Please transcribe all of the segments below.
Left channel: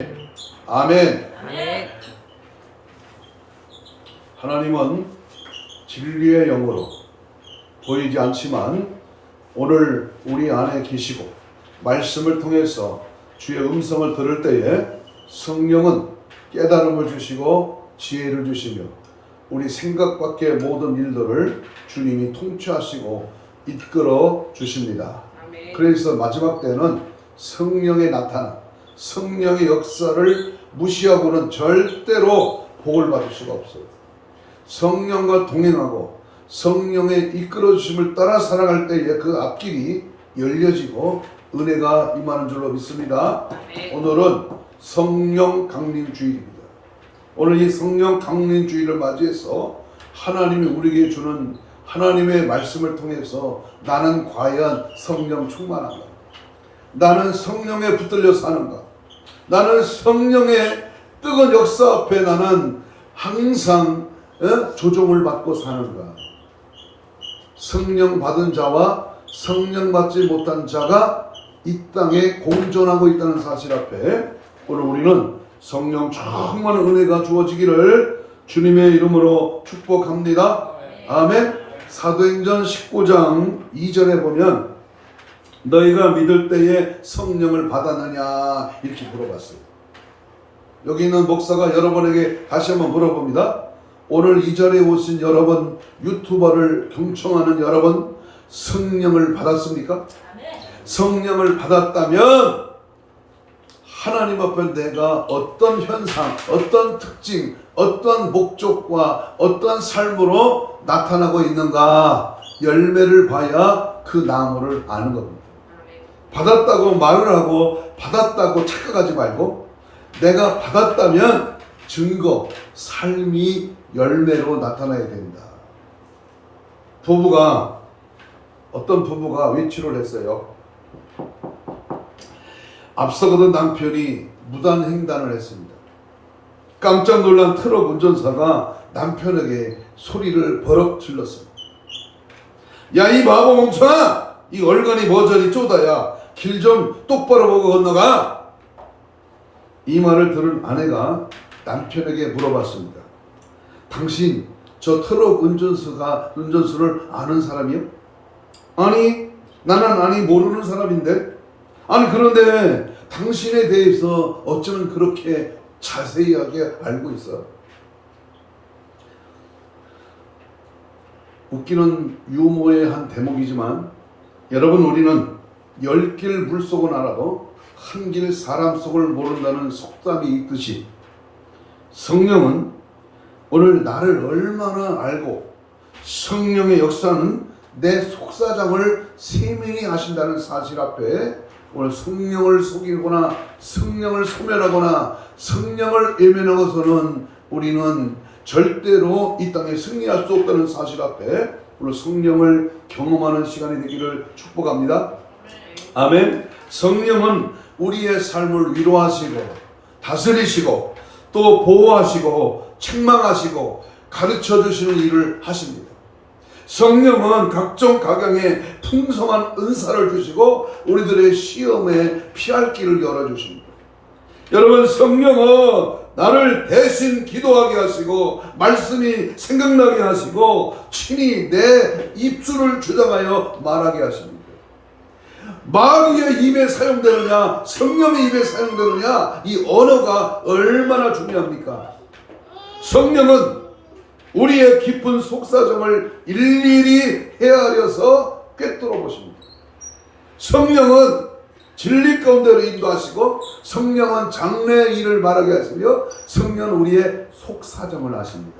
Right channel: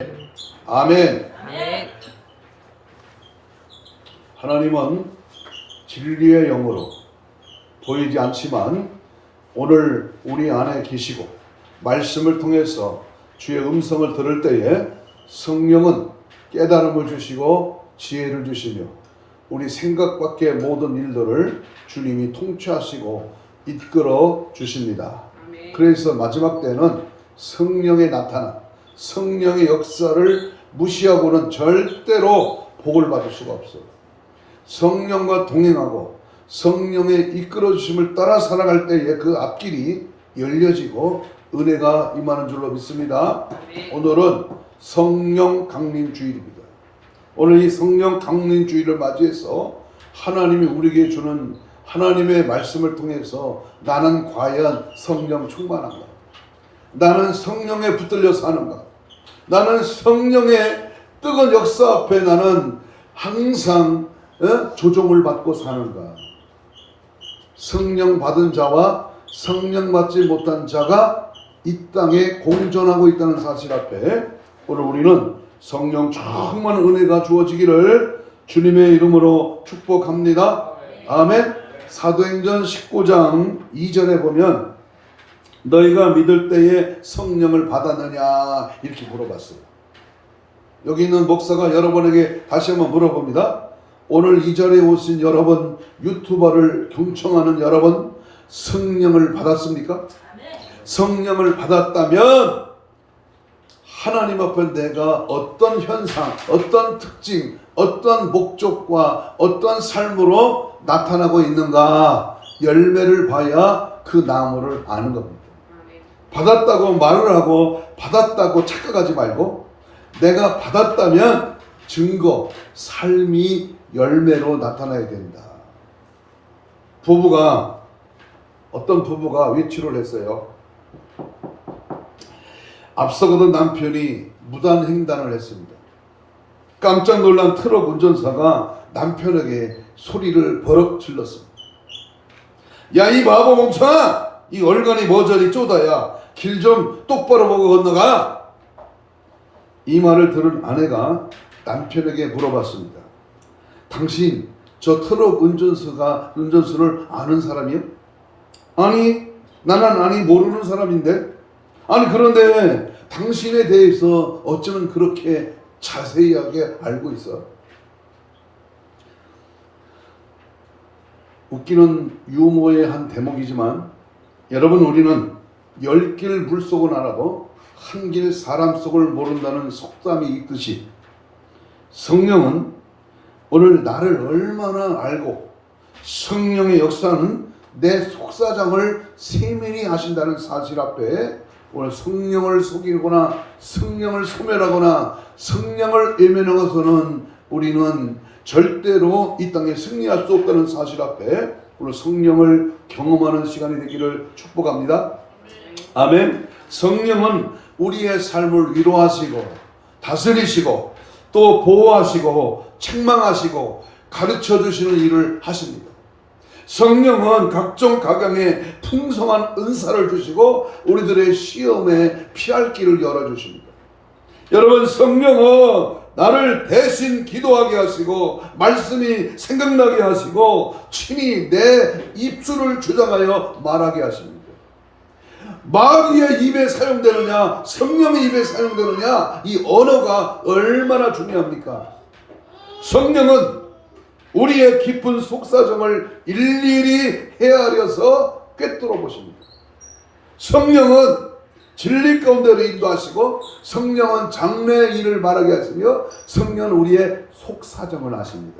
아멘. 아멘. 하나님은 진리의 영으로 보이지 않지만 오늘 우리 안에 계시고 말씀을 통해서 주의 음성을 들을 때에 성령은 깨달음을 주시고 지혜를 주시며 우리 생각 밖의 모든 일들을 주님이 통치하시고 이끌어 주십니다. 아멘. 그래서 마지막 때는 성령의 나타남, 성령의 역사를 무시하고는 절대로 복을 받을 수가 없어요. 성령과 동행하고 성령의 이끌어 주심을 따라 살아갈 때에 그 앞길이 열려지고 은혜가 임하는 줄로 믿습니다. 아멘. 오늘은 성령 강림 주일입니다. 오늘 이 성령 강림 주일을 맞이해서 하나님이 우리에게 주는 하나님의 말씀을 통해서 나는 과연 성령 충만한가? 나는 성령에 붙들려 사는가? 나는 성령의 뜨거운 역사 앞에 나는 항상 조종을 받고 사는가? 성령 받은 자와 성령 받지 못한 자가 이 땅에 공존하고 있다는 사실 앞에 오늘 우리는 성령 충만한 은혜가 주어지기를 주님의 이름으로 축복합니다. 아멘. 사도행전 19장 2절에 보면 너희가 믿을 때에 성령을 받았느냐 이렇게 물어봤어요. 여기 있는 목사가 여러분에게 다시 한번 물어봅니다. 오늘 이 자리에 오신 여러분, 유튜버를 경청하는 여러분, 성령을 받았습니까? 성령을 받았다면 하나님 앞에 내가 어떤 현상, 어떤 특징, 어떤 목적과 어떤 삶으로 나타나고 있는가 열매를 봐야 그 나무를 아는 겁니다. 받았다고 말을 하고 받았다고 착각하지 말고 내가 받았다면 증거, 삶이 열매로 나타나야 된다. 어떤 부부가 외출을 했어요. 앞서거든 남편이 무단횡단을 했습니다. 깜짝 놀란 트럭 운전사가 남편에게 소리를 버럭 질렀습니다. 야, 이 바보 멍청아! 이 얼간이 뭐 저리 쪼다야. 길 좀 똑바로 보고 건너가. 이 말을 들은 아내가 남편에게 물어봤습니다. 당신 저 트럭 운전수를 아는 사람이요? 아니, 나는 모르는 사람인데. 아니, 그런데 당신에 대해서 어쩌면 그렇게 자세하게 알고 있어? 웃기는 유머의 한 대목이지만 여러분, 우리는 10길 물속은 알아도 한 길 사람 속을 모른다는 속담이 있듯이 성령은 오늘 나를 얼마나 알고 성령의 역사는 내 속사정을 세밀히 하신다는 사실 앞에 오늘 성령을 속이거나 성령을 소멸하거나 성령을 외면하고서는 우리는 절대로 이 땅에 승리할 수 없다는 사실 앞에 오늘 성령을 경험하는 시간이 되기를 축복합니다. 아멘. 성령은 우리의 삶을 위로하시고 다스리시고 또 보호하시고 책망하시고 가르쳐 주시는 일을 하십니다. 성령은 각종 각양의 풍성한 은사를 주시고 우리들의 시험에 피할 길을 열어주십니다. 여러분, 성령은 나를 대신 기도하게 하시고 말씀이 생각나게 하시고 친히 내 입술을 주장하여 말하게 하십니다. 마귀의 입에 사용되느냐 성령의 입에 사용되느냐 이 언어가 얼마나 중요합니까? 성령은 우리의 깊은 속사정을 일일이 헤아려서 꿰뚫어 보십니다. 성령은 진리 가운데로 인도하시고 성령은 장래의 일을 말하게 하시며 성령은 우리의 속사정을 아십니다.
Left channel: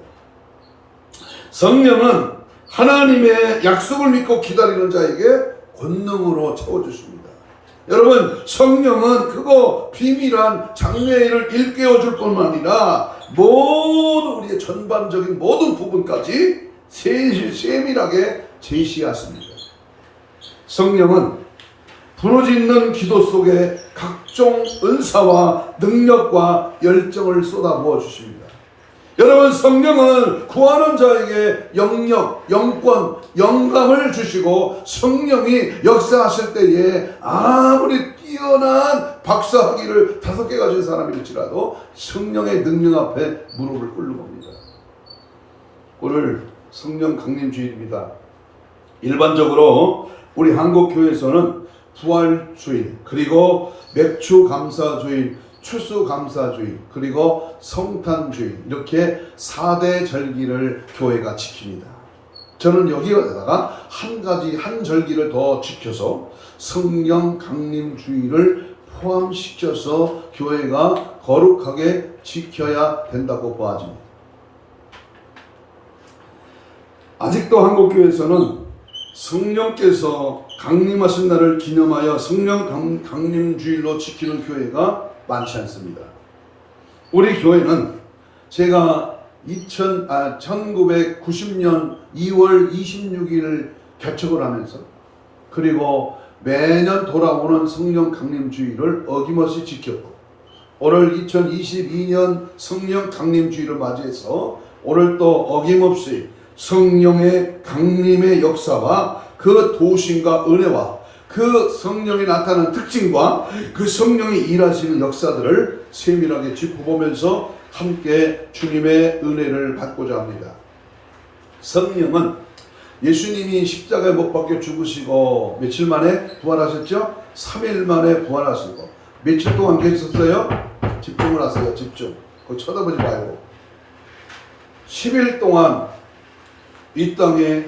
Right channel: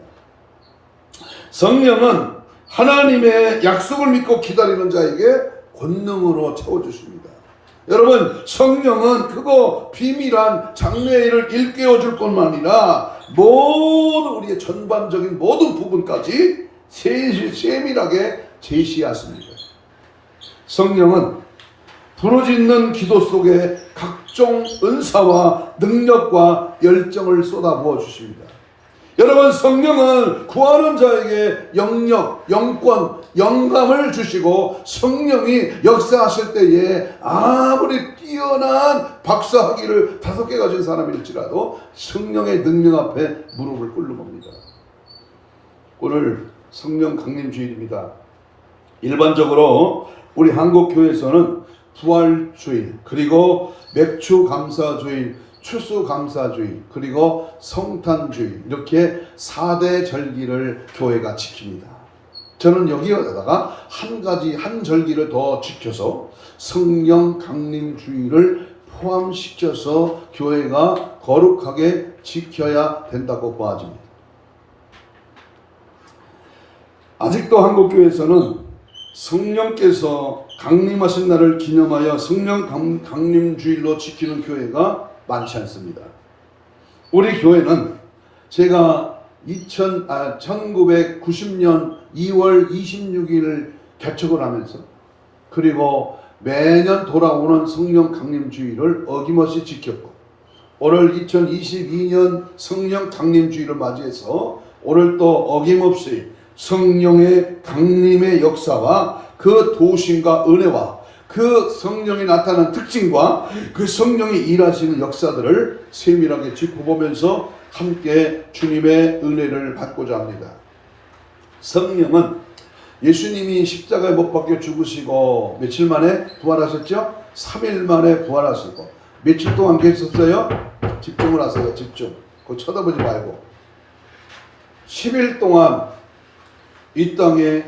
성령은 하나님의 약속을 믿고 기다리는 자에게 권능으로 채워주십니다. 여러분, 성령은 그거 비밀한 장래의 일을 일깨워 줄 뿐만 아니라 모든 우리의 전반적인 모든 부분까지 세밀하게 제시하십니다. 성령은 부르짖는 기도 속에 각종 은사와 능력과 열정을 쏟아부어 주십니다. 여러분, 성령은 구하는 자에게 영역, 영권, 영감을 주시고 성령이 역사하실 때에 아무리 뛰어난 박사학위를 5개 가진 사람일지라도 성령의 능력 앞에 무릎을 꿇는 겁니다. 오늘 성령 강림 주일입니다. 일반적으로 우리 한국교회에서는 부활주일, 그리고 맥주감사주일, 추수감사주일, 그리고 성탄주일, 이렇게 4대 절기를 교회가 지킵니다. 저는 여기에다가 한 절기를 더 지켜서 성령 강림주일을 포함시켜서 교회가 거룩하게 지켜야 된다고 보아집니다. 아직도 한국교회에서는 성령께서 강림하신 날을 기념하여 성령 강림주일로 지키는 교회가 많지 않습니다. 우리 교회는 제가 1990년 2월 26일을 개척을 하면서, 그리고 매년 돌아오는 성령 강림주일을 어김없이 지켰고, 오늘 2022년 성령 강림주일을 맞이해서 오늘 또 어김없이 성령의 강림의 역사와 그 도심과 은혜와 그 성령이 나타나는 특징과 그 성령이 일하시는 역사들을 세밀하게 짚어보면서 함께 주님의 은혜를 받고자 합니다. 성령은 예수님이 십자가에 못 박혀 죽으시고 며칠 만에 부활하셨죠? 3일 만에 부활하시고 며칠 동안 계셨어요? 집중을 하세요. 집중. 그거 쳐다보지 말고 10일 동안 이 땅에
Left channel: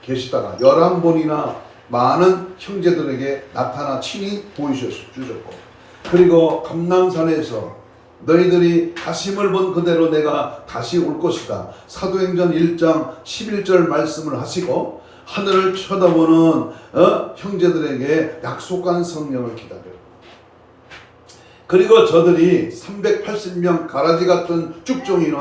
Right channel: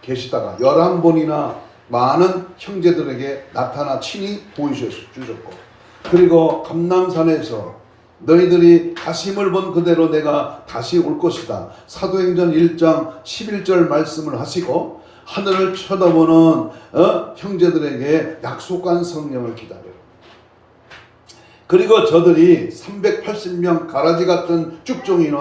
계시다가 11번이나 많은 형제들에게 나타나 친히 보이주셨고, 그리고 감람산에서 너희들이 다심을 본 그대로 내가 다시 올 것이다, 사도행전 1장 11절 말씀을 하시고 하늘을 쳐다보는 형제들에게 약속한 성령을 기다려. 그리고 저들이 380명 가라지 같은 쭉종이는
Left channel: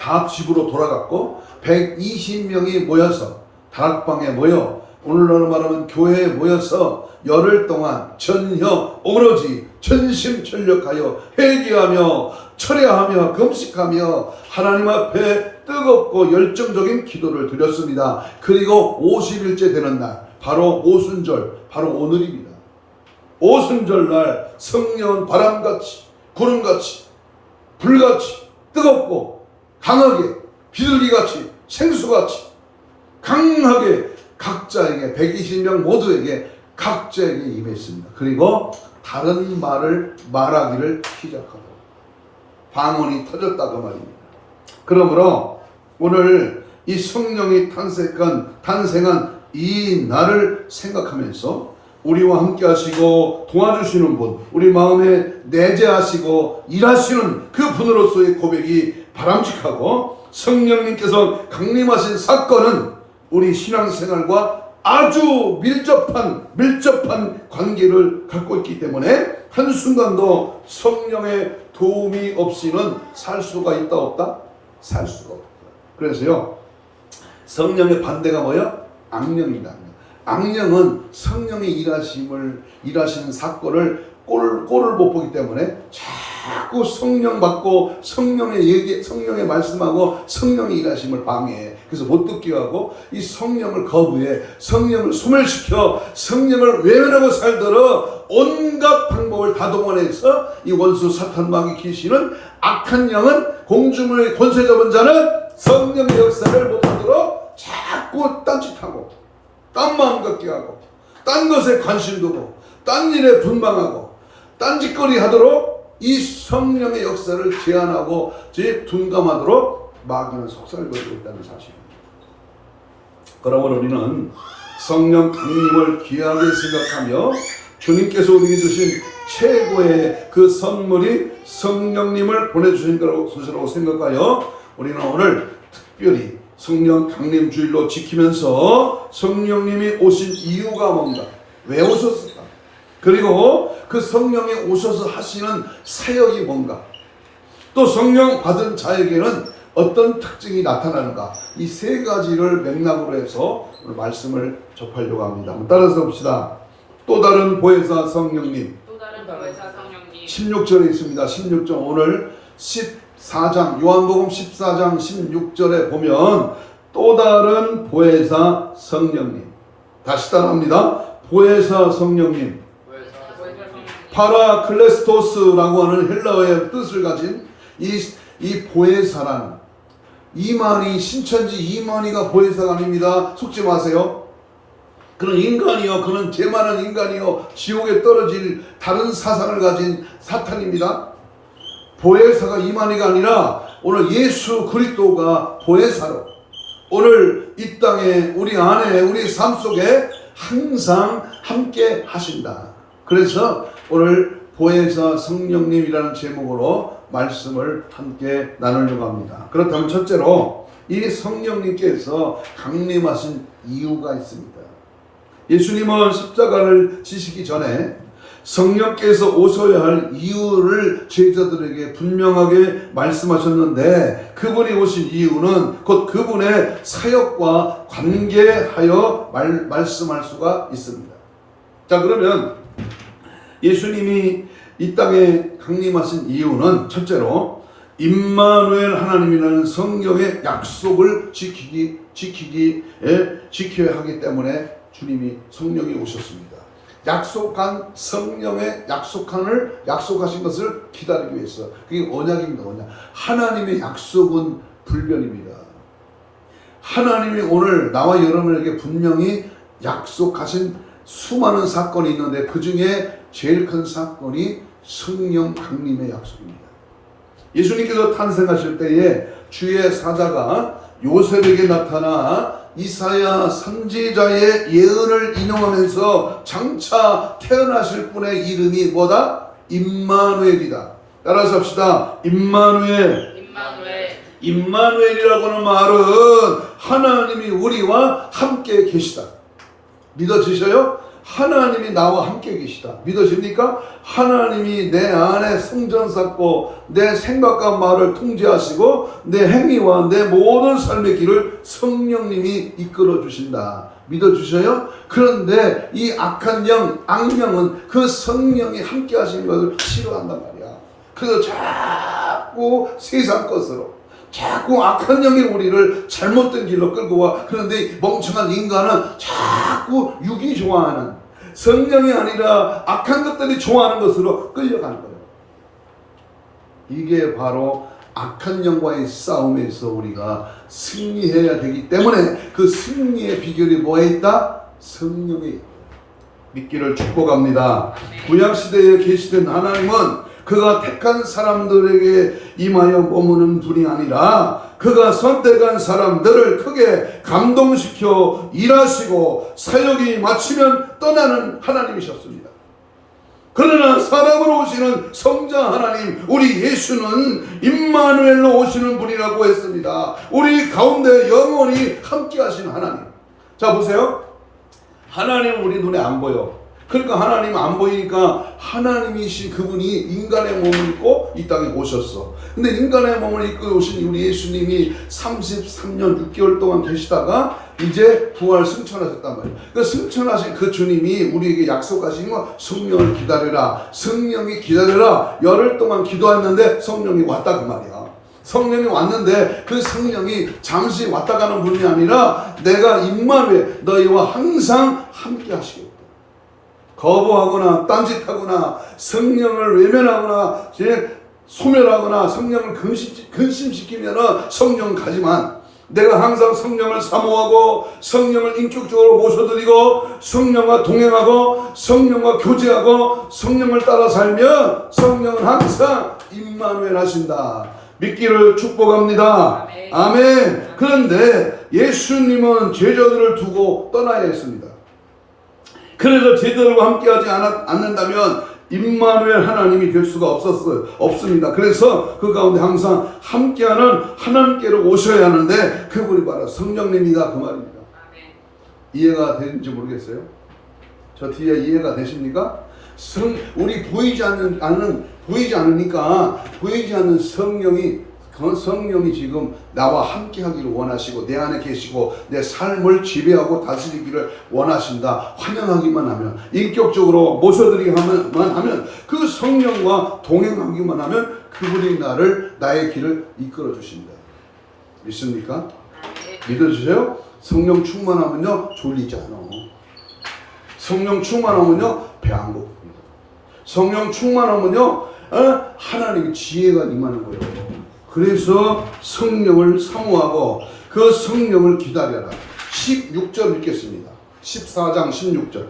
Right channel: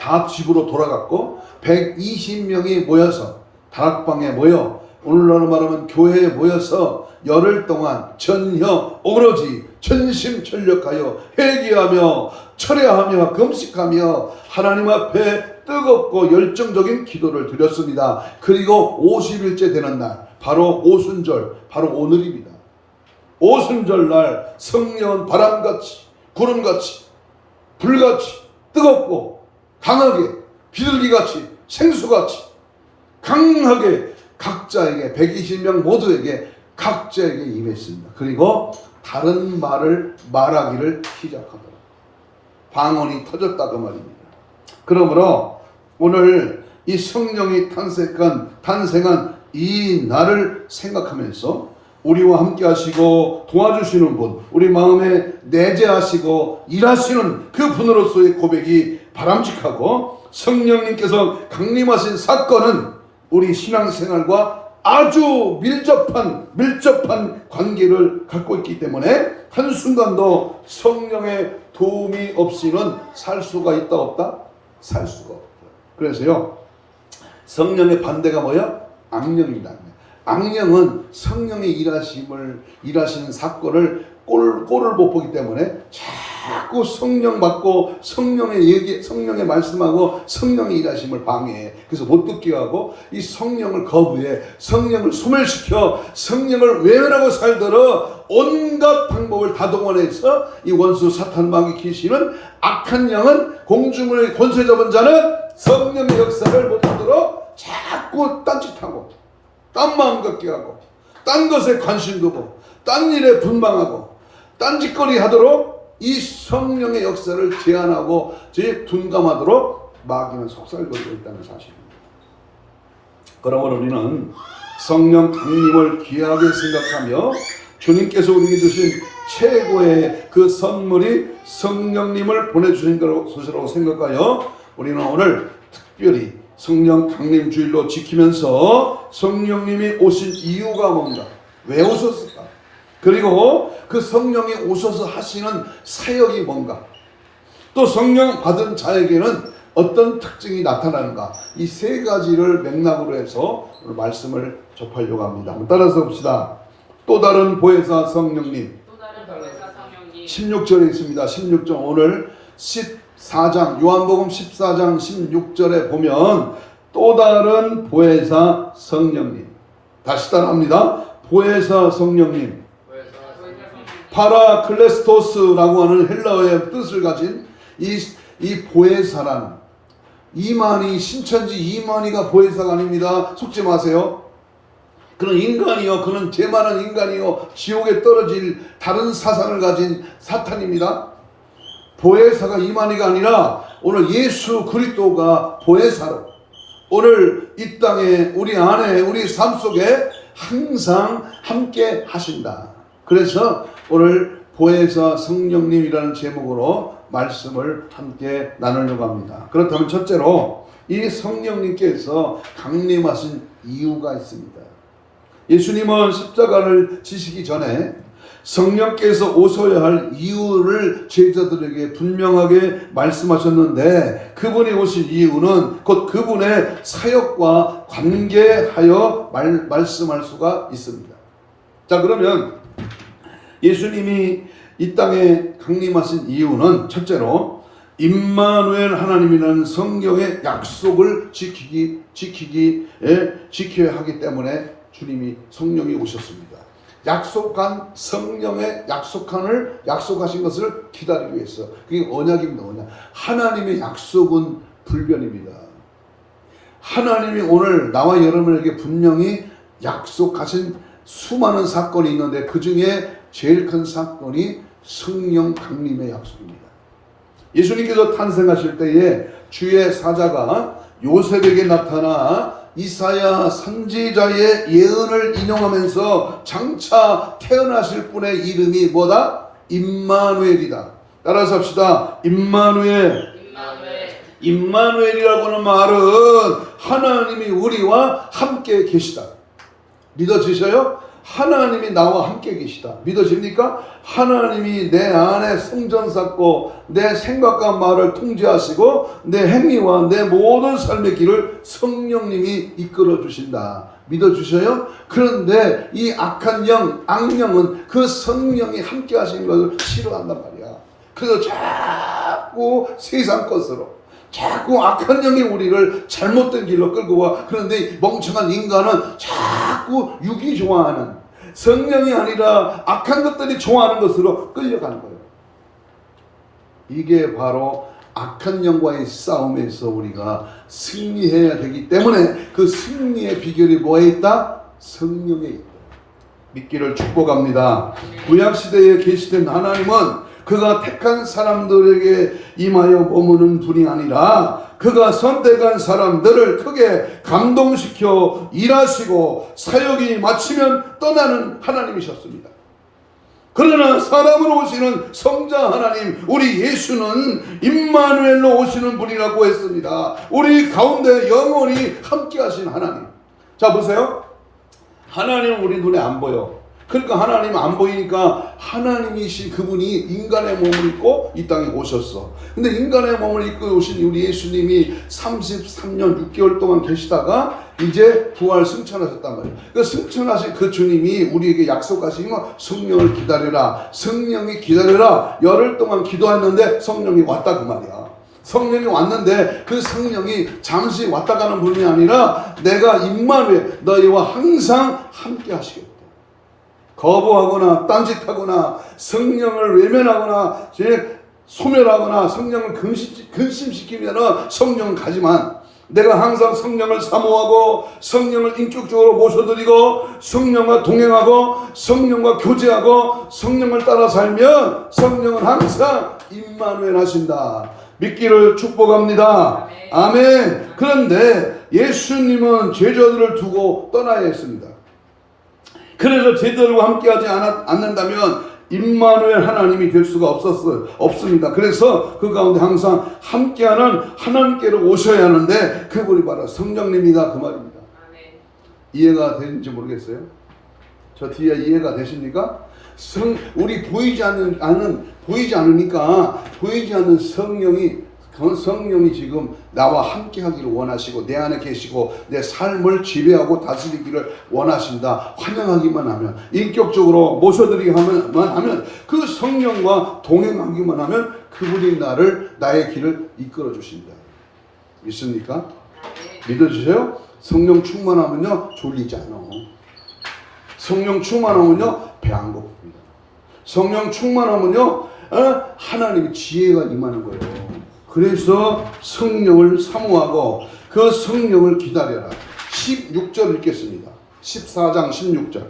다 집으로 돌아갔고 120명이 모여서 다락방에 모여, 오늘날로 말하면 교회에 모여서 열흘 동안 전혀 오로지 전심전력하여 회개하며 철회하며 금식하며 하나님 앞에 뜨겁고 열정적인 기도를 드렸습니다. 그리고 50일째 되는 날, 바로 오순절, 바로 오늘입니다. 오순절 날 성령은 바람같이 구름같이 불같이 뜨겁고 강하게 비둘기같이 생수같이 강하게 각자에게 120명 모두에게 각자에게 임했습니다. 그리고 다른 말을 말하기를 시작하더라. 방언이 터졌다고 말입니다. 그러므로 오늘 이 성령이 탄생한 이 날을 생각하면서 우리와 함께 하시고 도와주시는 분, 우리 마음에 내재하시고 일하시는 그 분으로서의 고백이 바람직하고, 성령님께서 강림하신 사건은 우리 신앙생활과 아주 밀접한 관계를 갖고 있기 때문에 한순간도 성령의 도움이 없이는 살 수가 있다 없다? 살 수가 없다. 그래서요, 성령의 반대가 뭐야? 악령이다. 악령은 성령의 일하시는 사건을 꼴을 못 보기 때문에 자꾸 성령 받고 성령의 말씀하고 성령의 일하심을 방해해. 그래서 못 듣게 하고 이 성령을 거부해. 성령을 소멸시켜. 성령을 외면하고 살도록 온갖 방법을 다 동원해서 이 원수 사탄마귀 귀신은, 악한 영은, 공중의 권세 잡은 자는 성령의 역사를 못하도록 자꾸 딴짓하고 딴 마음 갖게 하고 딴 것에 관심 두고 딴 일에 분방하고 딴짓거리 하도록 이 성령의 역사를 제한하고 둔감하도록 마귀는 속살거리고 있다는 사실입니다. 그러므로 우리는 성령 강림을 귀하게 생각하며 주님께서 우리에게 주신 최고의 그 선물이 성령님을 보내주신 것이라고 생각하여 우리는 오늘 특별히 성령 강림 주일로 지키면서 성령님이 오신 이유가 뭔가, 왜 오셨을까, 그리고 그 성령이 오셔서 하시는 사역이 뭔가, 또 성령 받은 자에게는 어떤 특징이 나타나는가, 이 세 가지를 맥락으로 해서 오늘 말씀을 접하려고 합니다. 한번 따라서 봅시다. 또 다른 보혜사 성령님. 16절에 있습니다. 16절 오늘 4장 요한복음 14장 16절에 보면 또 다른 보혜사 성령님, 다시 따라합니다. 보혜사 성령님, 파라클레스토스라고 하는 헬라어의 뜻을 가진 이 보혜사라는, 이만희, 신천지 이만희가 보혜사가 아닙니다. 속지 마세요. 그는 인간이요, 그는 죄만한 인간이요, 지옥에 떨어질 다른 사상을 가진 사탄입니다. 보혜사가 이만희가 아니라 오늘 예수 그리스도가 보혜사로 오늘 이 땅에, 우리 안에, 우리 삶 속에 항상 함께 하신다. 그래서 오늘 보혜사 성령님이라는 제목으로 말씀을 함께 나누려고 합니다. 그렇다면 첫째로 이 성령님께서 강림하신 이유가 있습니다. 예수님은 십자가를 지시기 전에 성령께서 오셔야 할 이유를 제자들에게 분명하게 말씀하셨는데, 그분이 오신 이유는 곧 그분의 사역과 관계하여 말씀할 수가 있습니다. 자, 그러면 예수님이 이 땅에 강림하신 이유는 첫째로 임마누엘 하나님이라는 성령의 약속을 지켜야 하기 때문에 주님이 성령이 오셨습니다. 약속한 성령의 약속하신 것을 기다리기 위해서. 그게 언약입니다. 언약. 하나님의 약속은 불변입니다. 하나님이 오늘 나와 여러분에게 분명히 약속하신 수많은 사건이 있는데 그 중에 제일 큰 사건이 성령 강림의 약속입니다. 예수님께서 탄생하실 때에 주의 사자가 요셉에게 나타나 이사야 선지자의 예언을 인용하면서 장차 태어나실 분의 이름이 뭐다? 임마누엘이다. 따라서 합시다. 임마누엘. 임마누엘이라고 하는 말은 하나님이 우리와 함께 계시다. 믿어지셔요? 하나님이 나와 함께 계시다. 믿어집니까? 하나님이 내 안에 성전 쌓고 내 생각과 말을 통제하시고 내 행위와 내 모든 삶의 길을 성령님이 이끌어 주신다. 믿어주셔요? 그런데 이 악한 영, 악령은 그 성령이 함께 하시는 것을 싫어한단 말이야. 그래서 자꾸 세상 것으로, 자꾸 악한 영이 우리를 잘못된 길로 끌고 와. 그런데 멍청한 인간은 자꾸 육이 좋아하는, 성령이 아니라 악한 것들이 좋아하는 것으로 끌려가는 거예요. 이게 바로 악한 영과의 싸움에서 우리가 승리해야 되기 때문에 그 승리의 비결이 뭐에 있다? 성령에 있다. 믿기를 축복합니다. 구약시대에 계시던 하나님은 그가 택한 사람들에게 임하여 머무는 분이 아니라 그가 선택한 사람들을 크게 감동시켜 일하시고 사역이 마치면 떠나는 하나님이셨습니다. 그러나 사람으로 오시는 성자 하나님, 우리 예수는 임마누엘로 오시는 분이라고 했습니다. 우리 가운데 영원히 함께 하신 하나님. 자, 보세요. 하나님은 우리 눈에 안 보여. 그러니까 하나님 안 보이니까 하나님이신 그분이 인간의 몸을 입고 이 땅에 오셨어. 근데 인간의 몸을 입고 오신 우리 예수님이 33년 6개월 동안 계시다가 이제 부활 승천하셨단 말이에요. 그 승천하신 그 주님이 우리에게 약속하신 거, 성령을 기다려라. 성령이 기다려라. 열흘 동안 기도했는데 성령이 왔다 그 말이야. 성령이 왔는데 그 성령이 잠시 왔다 가는 분이 아니라 내가 임마누엘 너희와 항상 함께 하시겠다. 거부하거나 딴짓하거나 성령을 외면하거나 소멸하거나 성령을 근심시키면 성령 가지만, 내가 항상 성령을 사모하고 성령을 인격적으로 모셔드리고 성령과 동행하고 성령과 교제하고 성령을 따라 살면 성령은 항상 임마누엘 하신다. 믿기를 축복합니다. 아멘. 그런데 예수님은 제자들을 두고 떠나야 했습니다. 그래서 제자들과 함께하지 않는다면 임마누엘 하나님이 될 수가 없습니다. 그래서 그 가운데 항상 함께하는 하나님께로 오셔야 하는데 그분이 바로 성령님이다 그 말입니다. 아멘. 이해가 되는지 모르겠어요. 저 뒤에 이해가 되십니까? 우리 보이지 않으니까 보이지 않는 성령이 지금 나와 함께 하기를 원하시고 내 안에 계시고 내 삶을 지배하고 다스리기를 원하신다. 환영하기만 하면, 인격적으로 모셔드리기만 하면, 그 성령과 동행하기만 하면 그 그분이 나의 길을 이끌어 주신다. 믿습니까? 믿어주세요? 성령 충만하면요 졸리지 않아. 성령 충만하면요 배 안 고픕니다. 성령 충만하면요 하나님의 지혜가 임하는 거예요. 그래서 성령을 사모하고 그 성령을 기다려라. 16절 읽겠습니다. 14장 16절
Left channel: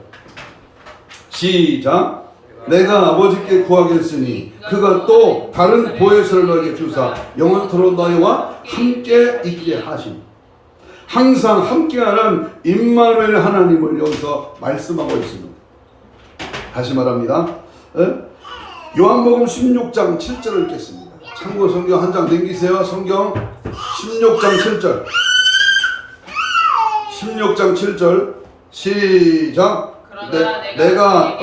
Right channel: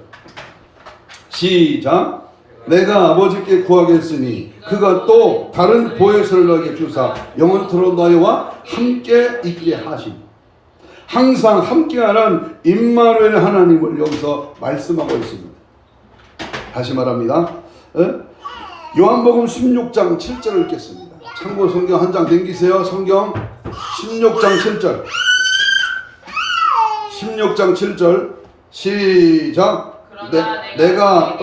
시작. 내가 아버지께 구하겠으니 그가 또 다른 보혜사를 너에게 주사 영원토록 너희와 함께 있게 하심. 항상 함께하는 임마누엘 하나님을 여기서 말씀하고 있습니다. 다시 말합니다. 요한복음 16장 7절을 읽겠습니다. 참고 성경 한 장 넘기세요. 성경 16장 7절 16장 7절 시작. 내가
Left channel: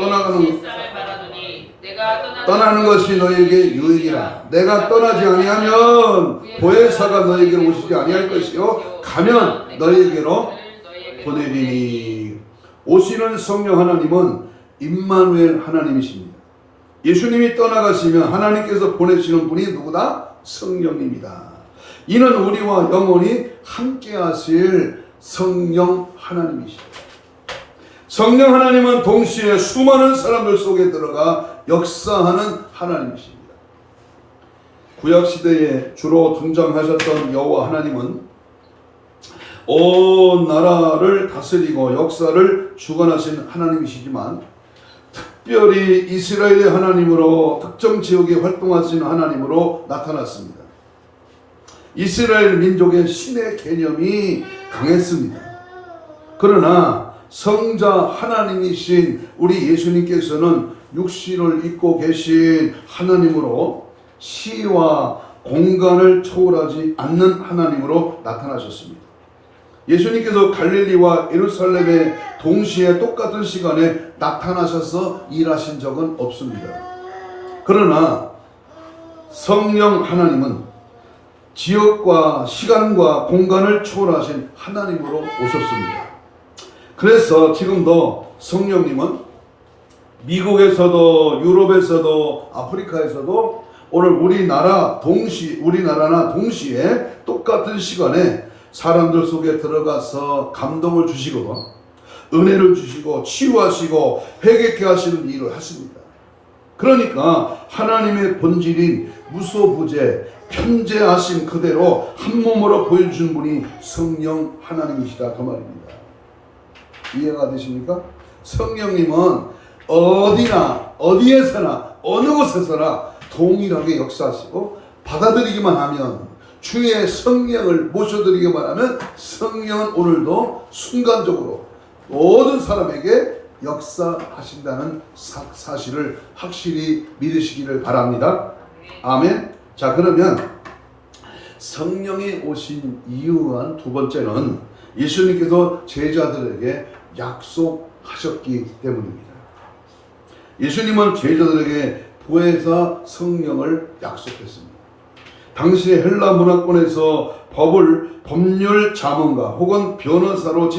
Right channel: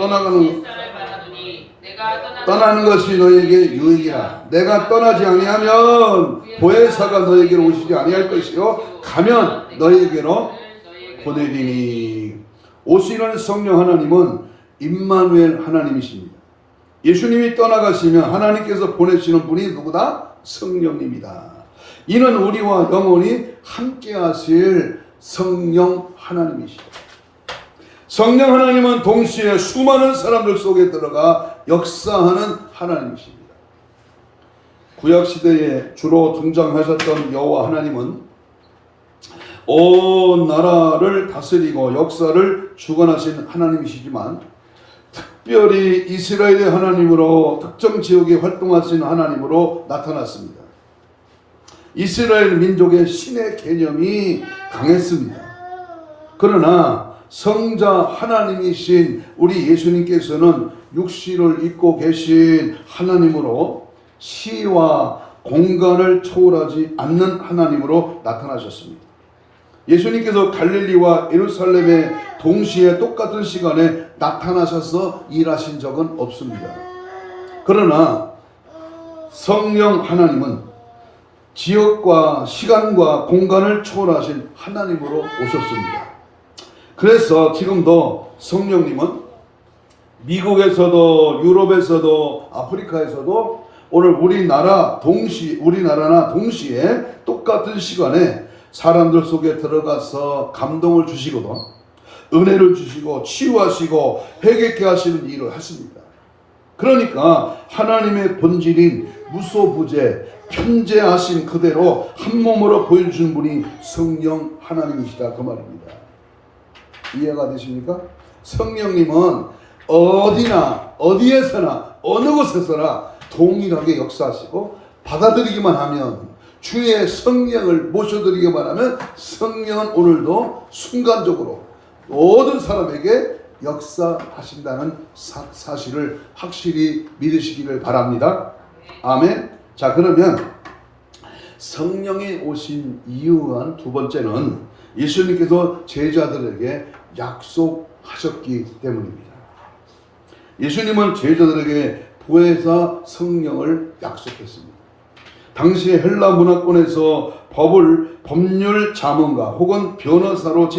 떠나는 것이 너에게 유익이라. 내가 떠나지 아니하면 보혜사가 너에게로 오시지 아니할 것이요 가면 너에게로 보내리니. 오시는 성령 하나님은 임마누엘 하나님이십니다. 예수님이 떠나가시면 하나님께서 보내시는 분이 누구다? 성령입니다. 이는 우리와 영원히 함께 하실 성령 하나님이십니다. 성령 하나님은 동시에 수많은 사람들 속에 들어가 역사하는 하나님이십니다. 구약시대에 주로 등장하셨던 여호와 하나님은 온 나라를 다스리고 역사를 주관하신 하나님이시지만 특별히 이스라엘의 하나님으로 특정 지역에 활동하신 하나님으로 나타났습니다. 이스라엘 민족의 신의 개념이 강했습니다. 그러나 성자 하나님이신 우리 예수님께서는 육신을 입고 계신 하나님으로 시와 공간을 초월하지 않는 하나님으로 나타나셨습니다. 예수님께서 갈릴리와 예루살렘에 동시에 똑같은 시간에 나타나셔서 일하신 적은 없습니다. 그러나 성령 하나님은 지역과 시간과 공간을 초월하신 하나님으로 오셨습니다. 그래서 지금도 성령님은 미국에서도 유럽에서도 아프리카에서도 오늘 우리나라나 동시에 똑같은 시간에 사람들 속에 들어가서 감동을 주시거든 은혜를 주시고 치유하시고 회개케 하시는 일을 하십니다. 그러니까 하나님의 본질인 무소부재 편재하신 그대로 한 몸으로 보여주신 분이 성령 하나님이시다 그 말입니다. 이해가 되십니까? 성령님은 어디나 어디에서나 어느 곳에서나 동일하게 역사하시고 받아들이기만 하면 주의 성령을 모셔드리기만 하면 성령은 오늘도 순간적으로 모든 사람에게 역사하신다는 사실을 확실히 믿으시기를 바랍니다. 아멘. 자, 그러면 성령이 오신 이유한 두 번째는 예수님께서 제자들에게 약속하셨기 때문입니다. 예수님은 제자들에게 보혜사 성령을 약속했습니다. 당시 헬라 문화권에서 법률 자문가 혹은 변호사로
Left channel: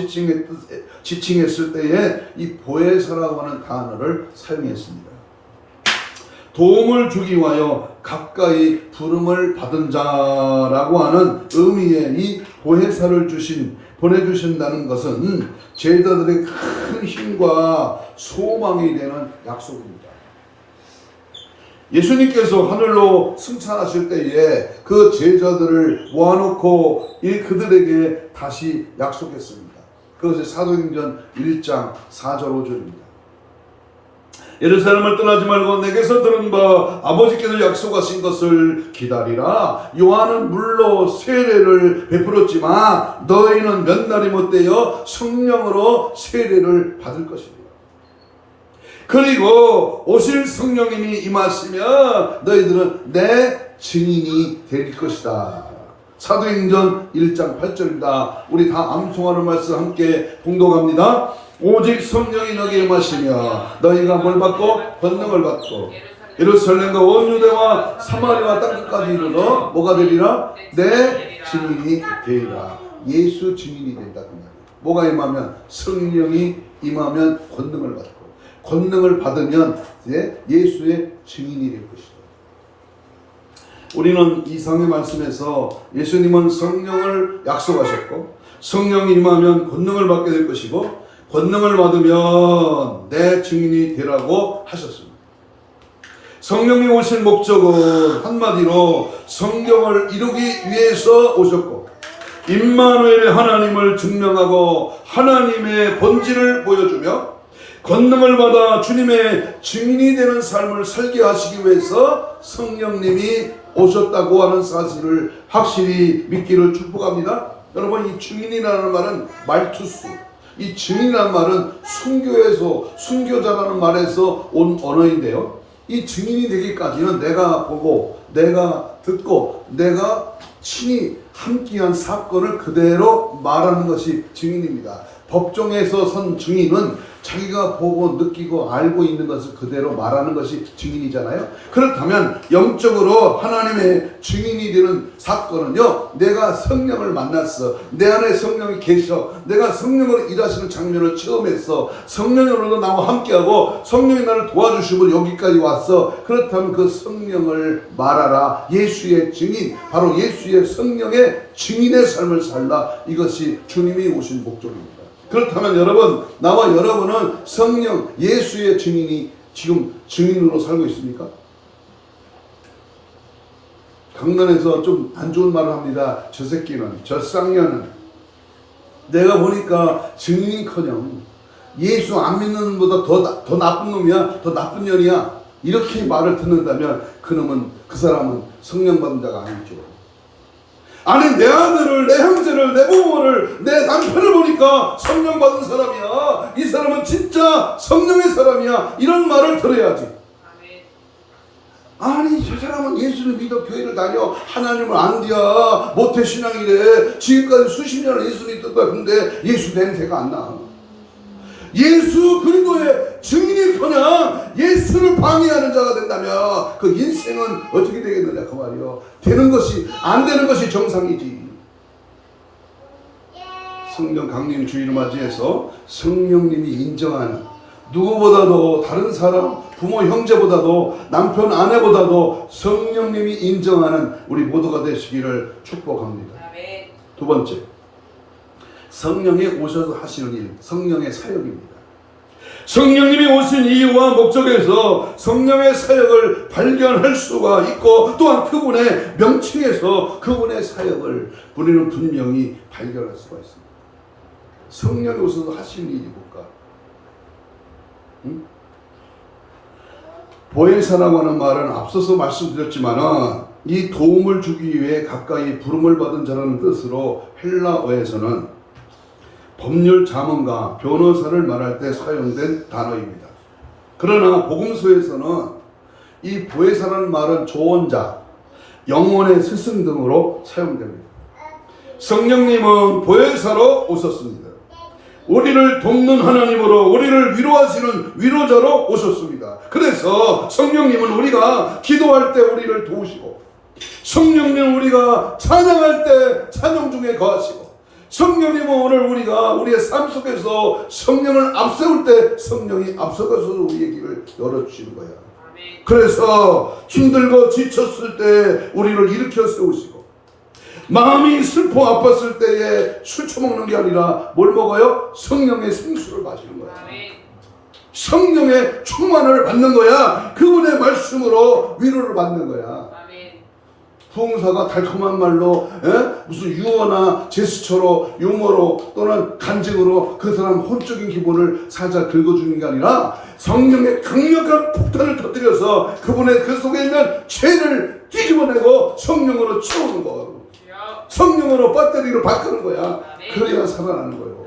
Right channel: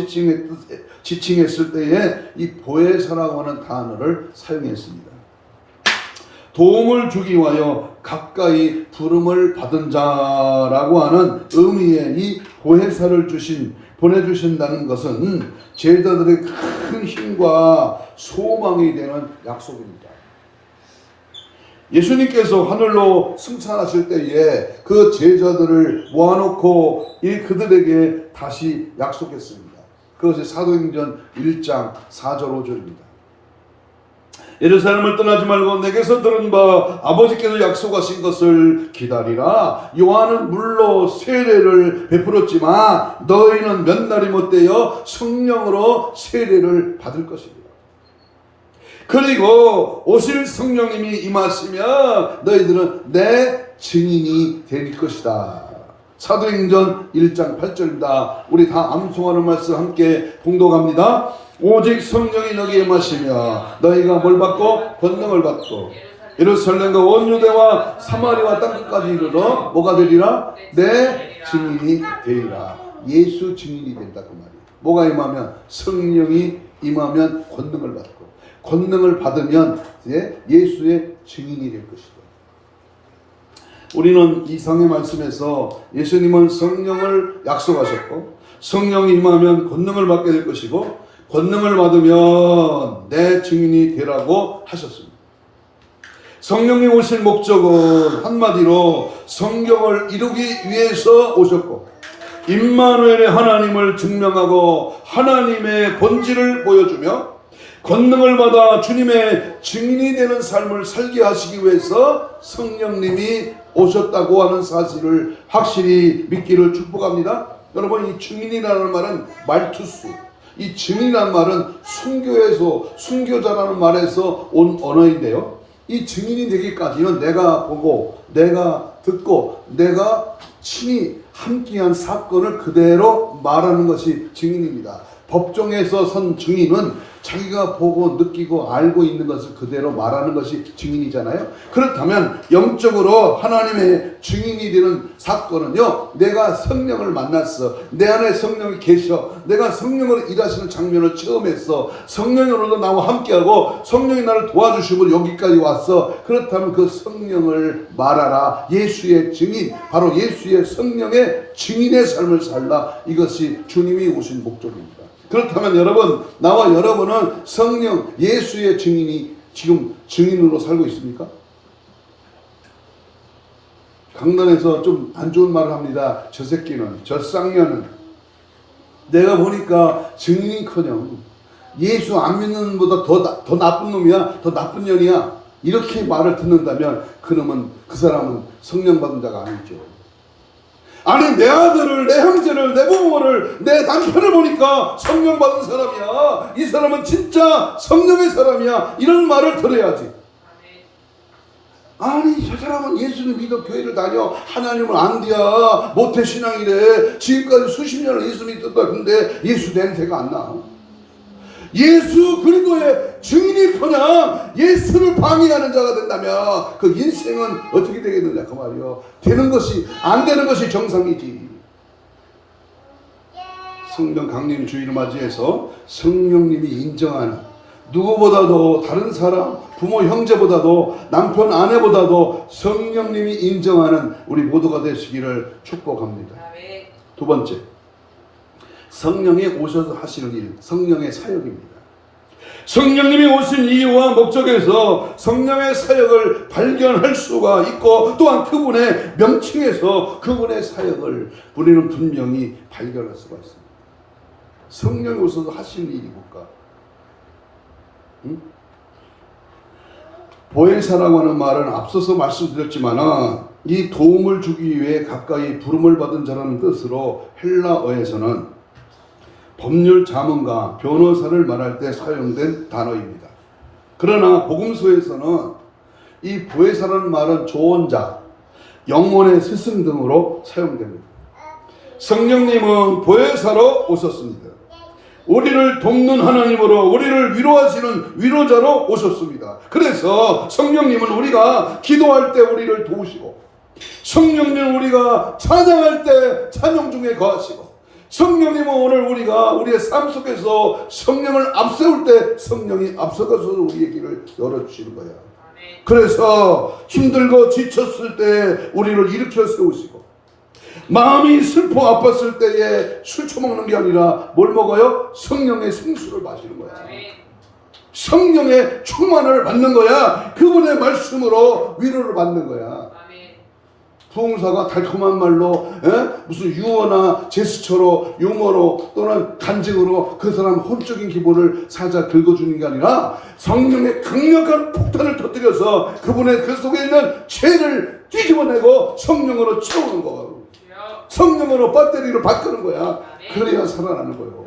지칭했을 때에 이 보혜사라고 하는 단어를 사용했습니다. 도움을 주기 위하여 가까이 부름을 받은 자라고 하는 의미의 이 보혜사를 보내주신다는 것은 제자들의 큰 힘과 소망이 되는 약속입니다. 예수님께서 하늘로 승천하실 때에 그 제자들을 모아놓고 그들에게 다시 약속했습니다. 그것이 사도행전 1장 4절 5절입니다. 예루살렘을 떠나지 말고 내게서 들은 바 아버지께서 약속하신 것을 기다리라. 요한은 물로 세례를 베풀었지만 너희는 몇 날이 못되어 성령으로 세례를 받을 것이다. 그리고 오실 성령님이 임하시면 너희들은 내 증인이 될 것이다. 사도행전 1장 8절입니다. 우리 다 암송하는 말씀 함께 봉독합니다. 오직 성령이 너희에게 임하시며 너희가 뭘 받고? 권능을 받고 예루살렘과 온 유대와 사마리아 땅끝까지 이르러 뭐가 되리라? 내 증인이 되리라. 예수 증인이 된다 그 말이에요. 뭐가 임하면? 성령이 임하면 권능을 받고 권능을 받으면 이제 예수의 증인이 될 것이다. 우리는 이상의 말씀에서 예수님은 성령을 약속하셨고 성령이 임하면 권능을 받게 될 것이고 권능을 받으면 내 증인이 되라고 하셨습니다. 성령이 오실 목적은 한마디로 성경을 이루기 위해서 오셨고 임마누엘의 하나님을 증명하고 하나님의 본질을 보여주며 권능을 받아 주님의 증인이 되는 삶을 살게 하시기 위해서 성령님이 오셨다고 하는 사실을 확실히 믿기를 축복합니다. 여러분, 이 증인이라는 말은 말투수, 이 증인이라는 말은 순교에서 순교자라는 말에서 온 언어인데요. 이 증인이 되기까지는 내가 보고 내가 듣고 내가 친히 함께한 사건을 그대로 말하는 것이 증인입니다. 법정에서 선 증인은 자기가 보고 느끼고 알고 있는 것을 그대로 말하는 것이 증인이잖아요. 그렇다면 영적으로 하나님의 증인이 되는 사건은요, 내가 성령을 만났어, 내 안에 성령이 계셔, 내가 성령으로 일하시는 장면을 체험했어, 성령으로도 나와 함께하고 성령이 나를 도와주시고 여기까지 왔어. 그렇다면 그 성령을 말하라. 예수의 증인, 바로 예수의 성령의 증인의 삶을 살라. 이것이 주님이 오신 목적입니다. 그렇다면 여러분, 나와 여러분은 성령 예수의 증인이 지금 증인으로 살고 있습니까? 강단에서 좀 안 좋은 말을 합니다. 저 새끼는, 저 쌍년은. 내가 보니까 증인이커녕 예수 안 믿는 것보다 더 나쁜 놈이야, 더 나쁜 년이야, 이렇게 말을 듣는다면 그 사람은 성령 받은 자가 아니죠. 아니, 내 아들을, 내 형제를, 내 부모를, 내 남편을 보니까 성령 받은 사람이야, 이 사람은 진짜 성령의 사람이야, 이런 말을 들어야지. 아니, 저 사람은 예수를 믿어 교회를 다녀, 하나님을 안 뒤야, 모태신앙이래, 지금까지 수십 년을 예수 믿었다. 근데 예수 냄새가 안 나. 예수 그리스도의 증인이 그냥 예수를 방해하는 자가 된다면 그 인생은 어떻게 되겠느냐 그 말이요. 되는 것이 안 되는 것이 정상이지. 성령 강림 주일을 맞이해서 성령님이 인정하는, 누구보다도 다른 사람, 부모 형제보다도 남편 아내보다도 성령님이 인정하는 우리 모두가 되시기를 축복합니다. 두 번째, 성령이 오셔서 하시는 일, 성령의 사역입니다. 성령님이 오신 이유와 목적에서 성령의 사역을 발견할 수가 있고, 또한 그분의 명칭에서 그분의 사역을 우리는 분명히 발견할 수가 있습니다. 성령이 오셔서 하시는 일이 뭘까? 보혜사라고 하는 말은 앞서서 말씀드렸지만 이 도움을 주기 위해 가까이 부름을 받은 자라는 뜻으로 헬라어에서는 법률 자문가, 변호사를 말할 때 사용된 단어입니다. 그러나 복음서에서는 이 보혜사라는 말은 조언자, 영혼의 스승 등으로 사용됩니다. 성령님은 보혜사로 오셨습니다. 우리를 돕는 하나님으로, 우리를 위로하시는 위로자로 오셨습니다. 그래서 성령님은 우리가 기도할 때 우리를 도우시고, 성령님은 우리가 찬양할 때 찬양 중에 거하시고, 성령님은 오늘 우리가 우리의 삶 속에서 성령을 앞세울 때 성령이 앞서가서 우리의 길을 열어주시는 거야. 그래서 힘들고 지쳤을 때 우리를 일으켜 세우시고, 마음이 슬퍼 아팠을 때에 술 처먹는 게 아니라 뭘 먹어요? 성령의 생수를 마시는 거야. 성령의 충만을 받는 거야. 그분의 말씀으로 위로를 받는 거야. 부흥사가 달콤한 말로, 무슨 유어나 제스처로, 유머로 또는 간증으로 그 사람 혼적인 기분을 살짝 긁어주는 게 아니라 성령의 강력한 폭탄을 터뜨려서 그분의 그 속에 있는 죄를 뒤집어내고 성령으로 채우는 거. 성령으로 배터리를 바꾸는 거야. 그래야 살아나는 거예요.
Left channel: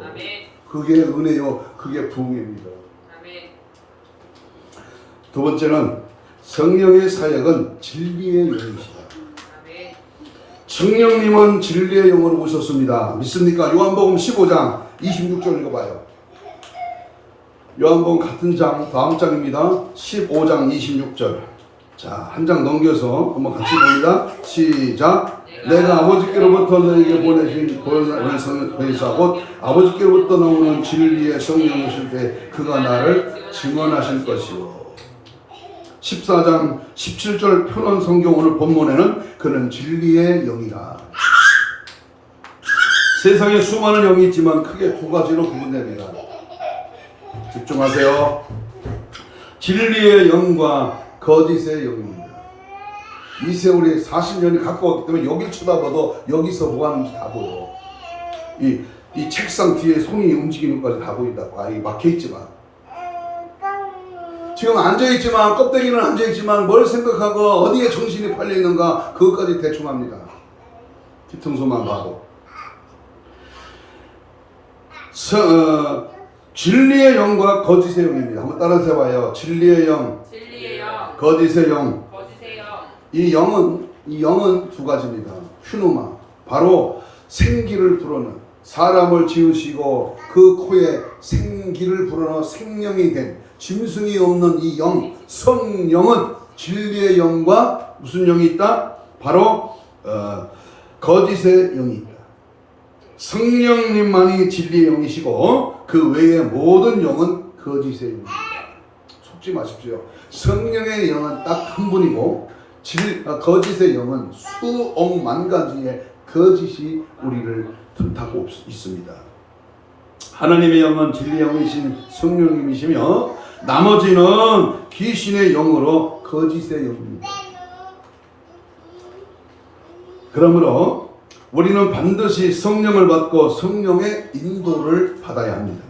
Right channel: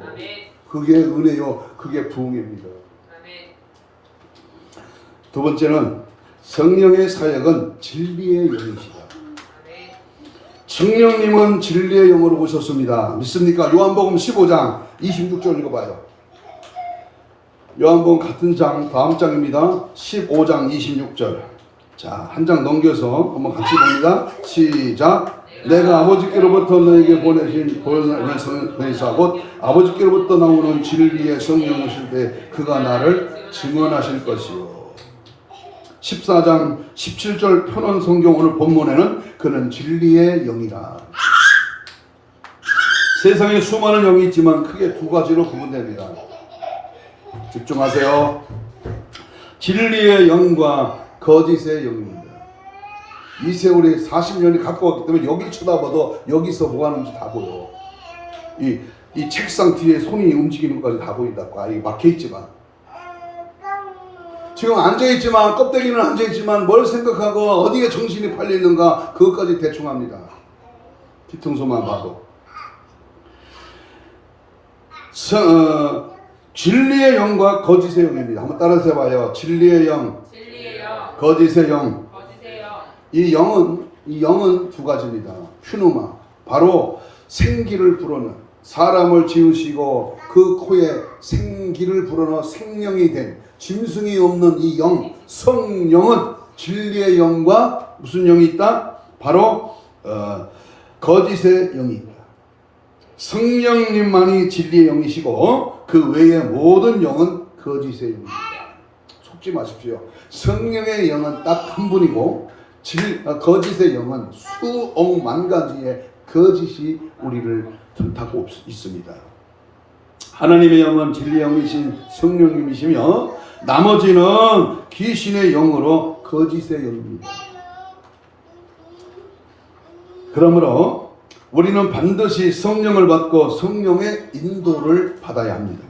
그게 은혜요, 그게 부흥입니다. 두 번째는 성령의 사역은 진리의 영이시다. 성령님은 진리의 영으로 오셨습니다. 믿습니까? 요한복음 15장 26절 읽어봐요. 요한복음 같은 장, 다음 장입니다. 15장 26절. 자, 한 장 넘겨서 한번 같이 봅니다. 시작. 내가 아버지께로부터 너에게 보내신 보혜사 곧 아버지께로부터 나오는 진리의 성령을 오실 때 그가 나를 증언하실 것이요. 14장 17절 편원 성경 오늘 본문에는 그는 진리의 영이라. 세상에 수많은 영이 있지만 크게 두 가지로 구분됩니다. 집중하세요. 진리의 영과 거짓의 영입니다. 이 세월이 40년이 가까웠기 때문에 여길 쳐다봐도 여기서 뭐 하는지 다 보여. 이 책상 뒤에 손이 움직이는 것까지 다 보인다. 막혀있지만 지금 앉아있지만, 껍데기는 앉아있지만 뭘 생각하고 어디에 정신이 팔려있는가 그것까지 대충 합니다. 뒤통수만 봐도. 진리의 영과 거짓의 영입니다. 한번 따라서 해봐요. 진리의 영, 거짓의 영. 이 영은 두 가지입니다. 휴누마, 바로 생기를 불어넣은, 사람을 지으시고 그 코에 생기를 불어넣어 생명이 된 짐승이 없는 이 영, 성령은 진리의 영과 무슨 영이 있다? 바로 거짓의 영이 있다. 성령님만이 진리의 영이시고 그 외의 모든 영은 거짓의 영입니다. 속지 마십시오. 성령의 영은 딱 한 분이고 거짓의 영은 수억만 가지의 거짓이 우리를 틈타고 있습니다. 하나님의 영은 진리의 영이신 성령님이시며 나머지는 귀신의 영으로 거짓의 영입니다. 그러므로 우리는 반드시 성령을 받고 성령의 인도를 받아야 합니다.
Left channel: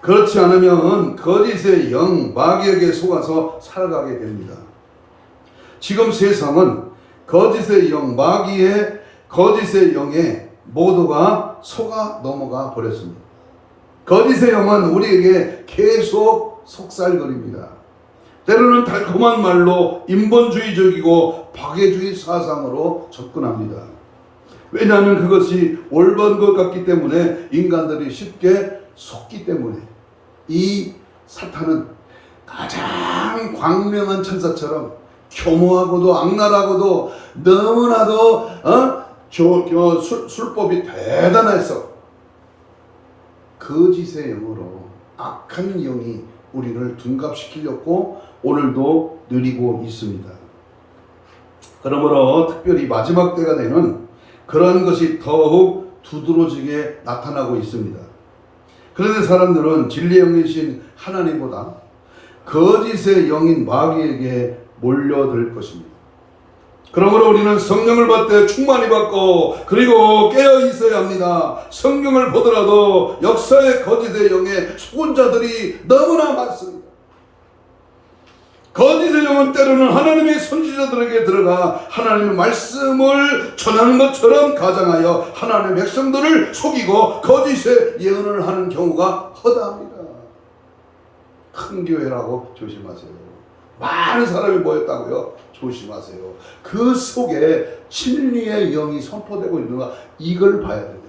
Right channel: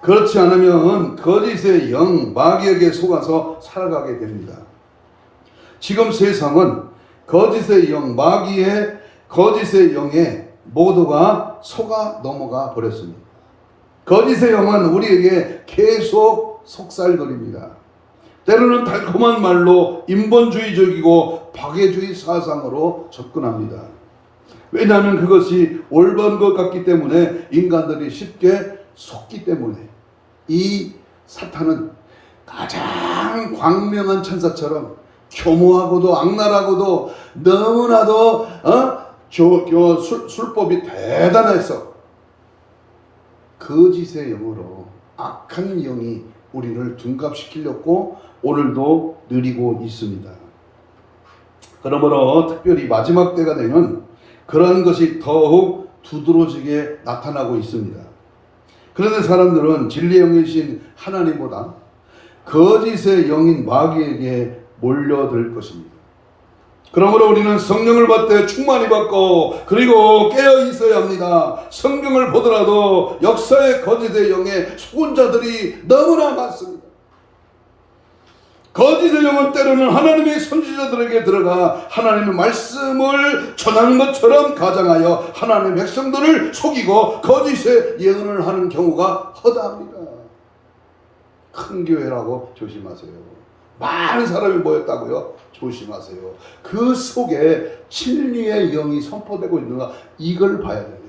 그렇지 않으면 거짓의 영, 마귀에게 속아서 살아가게 됩니다. 지금 세상은 거짓의 영, 마귀의 거짓의 영에 모두가 속아 넘어가 버렸습니다. 거짓의 영은 우리에게 계속 속살거립니다. 때로는 달콤한 말로 인본주의적이고 박애주의 사상으로 접근합니다. 왜냐하면 그것이 올바른 것 같기 때문에 인간들이 쉽게 속기 때문에 이 사탄은 가장 광명한 천사처럼 교모하고도 악랄하고도 너무나도 술법이 대단해서 거짓의 영으로 악한 영이 우리를 둔갑시키려고 오늘도 누리고 있습니다. 그러므로 특별히 마지막 때가 되는 그러한 것이 더욱 두드러지게 나타나고 있습니다. 그런데 사람들은 진리의 영이신 하나님보다 거짓의 영인 마귀에게 몰려들 것입니다. 그러므로 우리는 성령을 받되 충만히 받고 그리고 깨어 있어야 합니다. 성경을 보더라도 역사의 거짓의 영에 속은 자들이 너무나 많습니다. 거짓의 영은 때로는 하나님의 선지자들에게 들어가 하나님의 말씀을 전하는 것처럼 가장하여 하나님의 백성들을 속이고 거짓의 예언을 하는 경우가 허다합니다. 큰 교회라고 조심하세요. 많은 사람이 모였다고요? 조심하세요. 그 속에 진리의 영이 선포되고 있는가 이걸 봐야 돼요.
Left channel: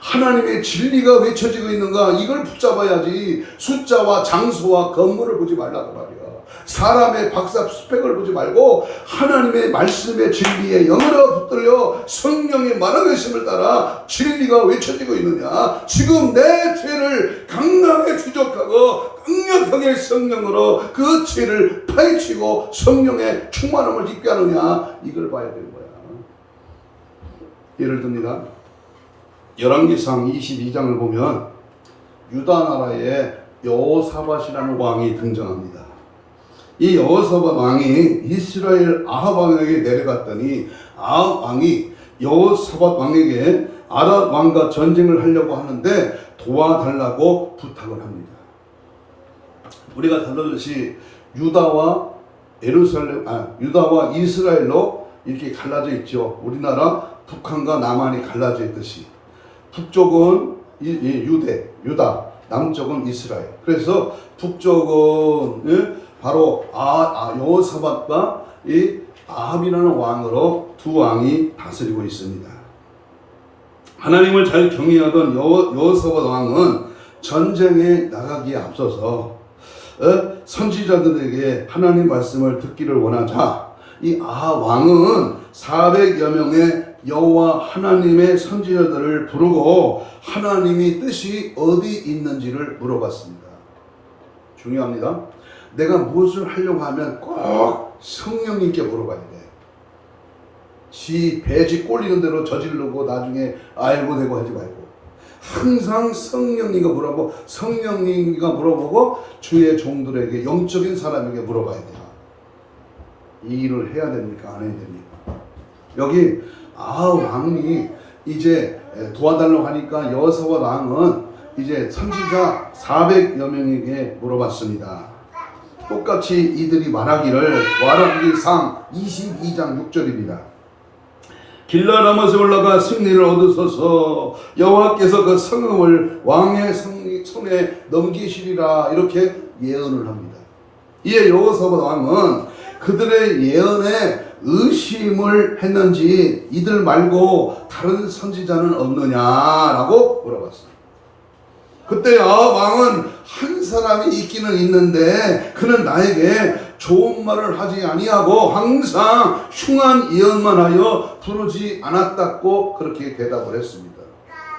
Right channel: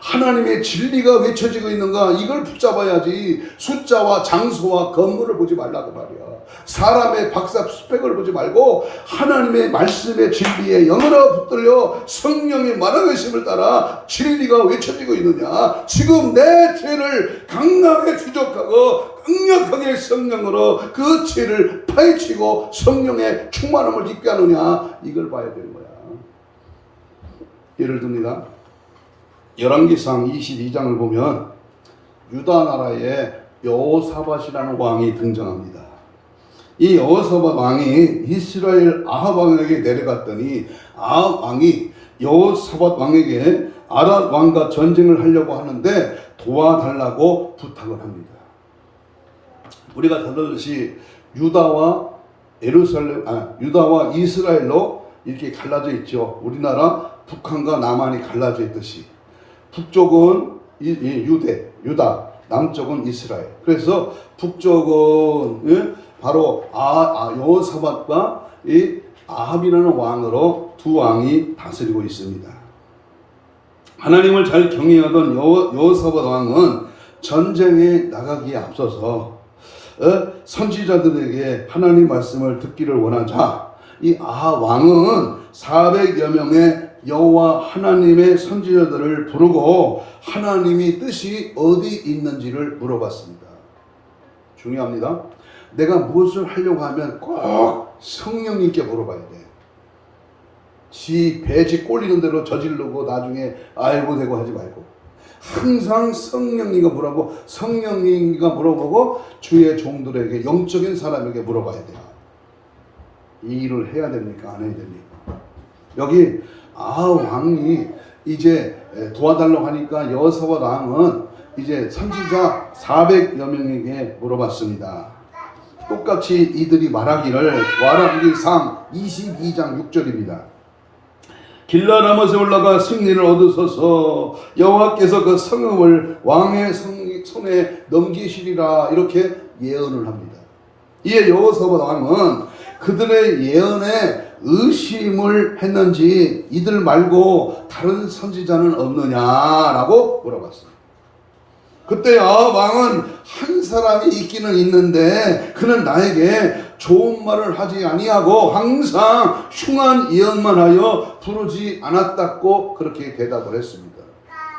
하나님의 진리가 외쳐지고 있는가 이걸 붙잡아야지. 숫자와 장소와 건물을 보지 말라고 말이야. 사람의 박사 스펙을 보지 말고 하나님의 말씀의 진리에 영으로 붙들려 성령의 말하심을 따라 진리가 외쳐지고 있느냐. 지금 내 죄를 강하게 추적하고 강력하게 성령으로 그 죄를 파헤치고 성령의 충만함을 입게 하느냐 이걸 봐야 되는 거야. 예를 듭니다. 열왕기상 22장을 보면 유다 나라에 여호사밧이라는 왕이 등장합니다. 이 여호사밧 왕이 이스라엘 아합 왕에게 내려갔더니 아합 왕이 여호사밧 왕에게 아랍 왕과 전쟁을 하려고 하는데 도와달라고 부탁을 합니다. 우리가 다르듯이 유다와 이스라엘로 이렇게 갈라져 있죠. 우리나라 북한과 남한이 갈라져 있듯이 북쪽은 유다, 남쪽은 이스라엘. 그래서 북쪽은 바로 여호사밧과 이 아합이라는 왕으로 두 왕이 다스리고 있습니다. 하나님을 잘 경외하던 여호사밧 왕은 전쟁에 나가기에 앞서서 선지자들에게 하나님 말씀을 듣기를 원하자 이 아합 왕은 400여 명의 여호와 하나님의 선지자들을 부르고 하나님이 뜻이 어디 있는지를 물어봤습니다. 중요합니다. 내가 무엇을 하려고 하면 꼭 성령님께 물어봐야 돼. 지 배지 꼴리는 대로 저지르고 나중에 알고 되고 하지 말고 항상 성령님과 물어보고 성령님과 물어보고 주의 종들에게 영적인 사람에게 물어봐야 돼요. 이 일을 해야 됩니까? 안 해야 됩니까? 여기 왕이 이제 도와달라고 하니까 여호사밧 왕은 이제 선지자 400여 명에게 물어봤습니다. 똑같이 이들이 말하기를 와라기상 22장 6절입니다. 길라라못에 올라가 승리를 얻으소서 여호와께서 그 성읍을 왕의 손에 넘기시리라 이렇게 예언을 합니다. 이에 여호사밧 왕은 그들의 예언에 의심을 했는지 이들 말고 다른 선지자는 없느냐라고 물어봤습니다. 그때 왕은 한 사람이 있기는 있는데 그는 나에게 좋은 말을 하지 아니하고 항상 흉한 예언만 하여 부르지 않았다고 그렇게 대답을 했습니다.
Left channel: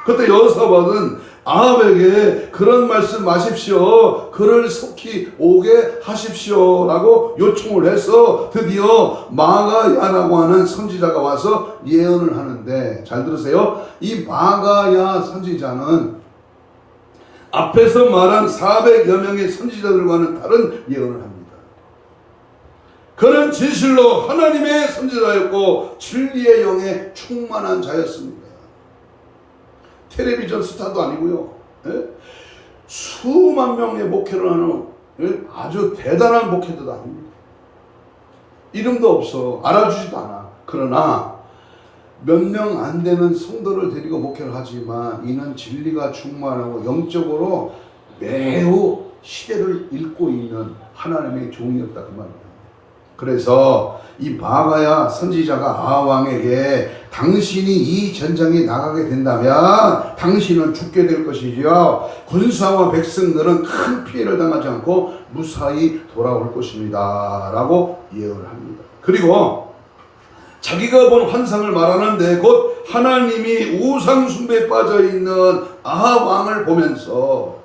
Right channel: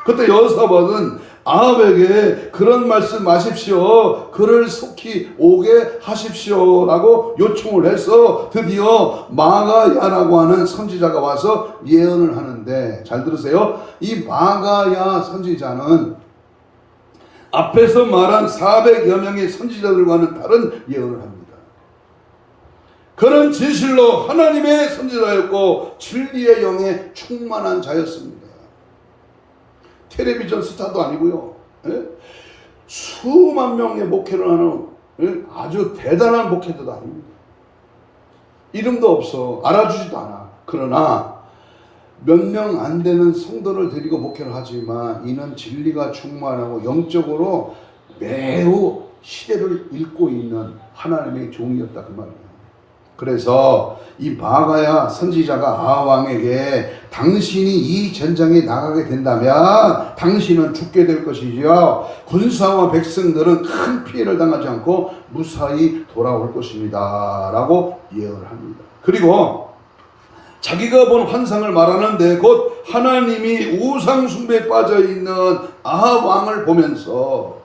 그때 여호사밧은 아합에게 그런 말씀 마십시오. 그를 속히 오게 하십시오 라고 요청을 해서 드디어 마가야라고 하는 선지자가 와서 예언을 하는데 잘 들으세요. 이 마가야 선지자는 앞에서 말한 400여 명의 선지자들과는 다른 예언을 합니다. 그는 진실로 하나님의 선지자였고 진리의 영에 충만한 자였습니다. 텔레비전 스타도 아니고요. 수만 명의 목회를 하는 아주 대단한 목회자도 아닙니다. 이름도 없어. 알아주지도 않아. 그러나 몇 명 안 되는 성도를 데리고 목회를 하지만 이는 진리가 충만하고 영적으로 매우 시대를 읽고 있는 하나님의 종이었다 그 말입니다. 그래서 이 마가야 선지자가 아왕에게 당신이 이 전장에 나가게 된다면 당신은 죽게 될 것이죠. 군사와 백성들은 큰 피해를 당하지 않고 무사히 돌아올 것입니다 라고 예언을 합니다. 그리고 자기가 본 환상을 말하는데 곧 하나님이 우상 숭배에 빠져있는 아합 왕을 보면서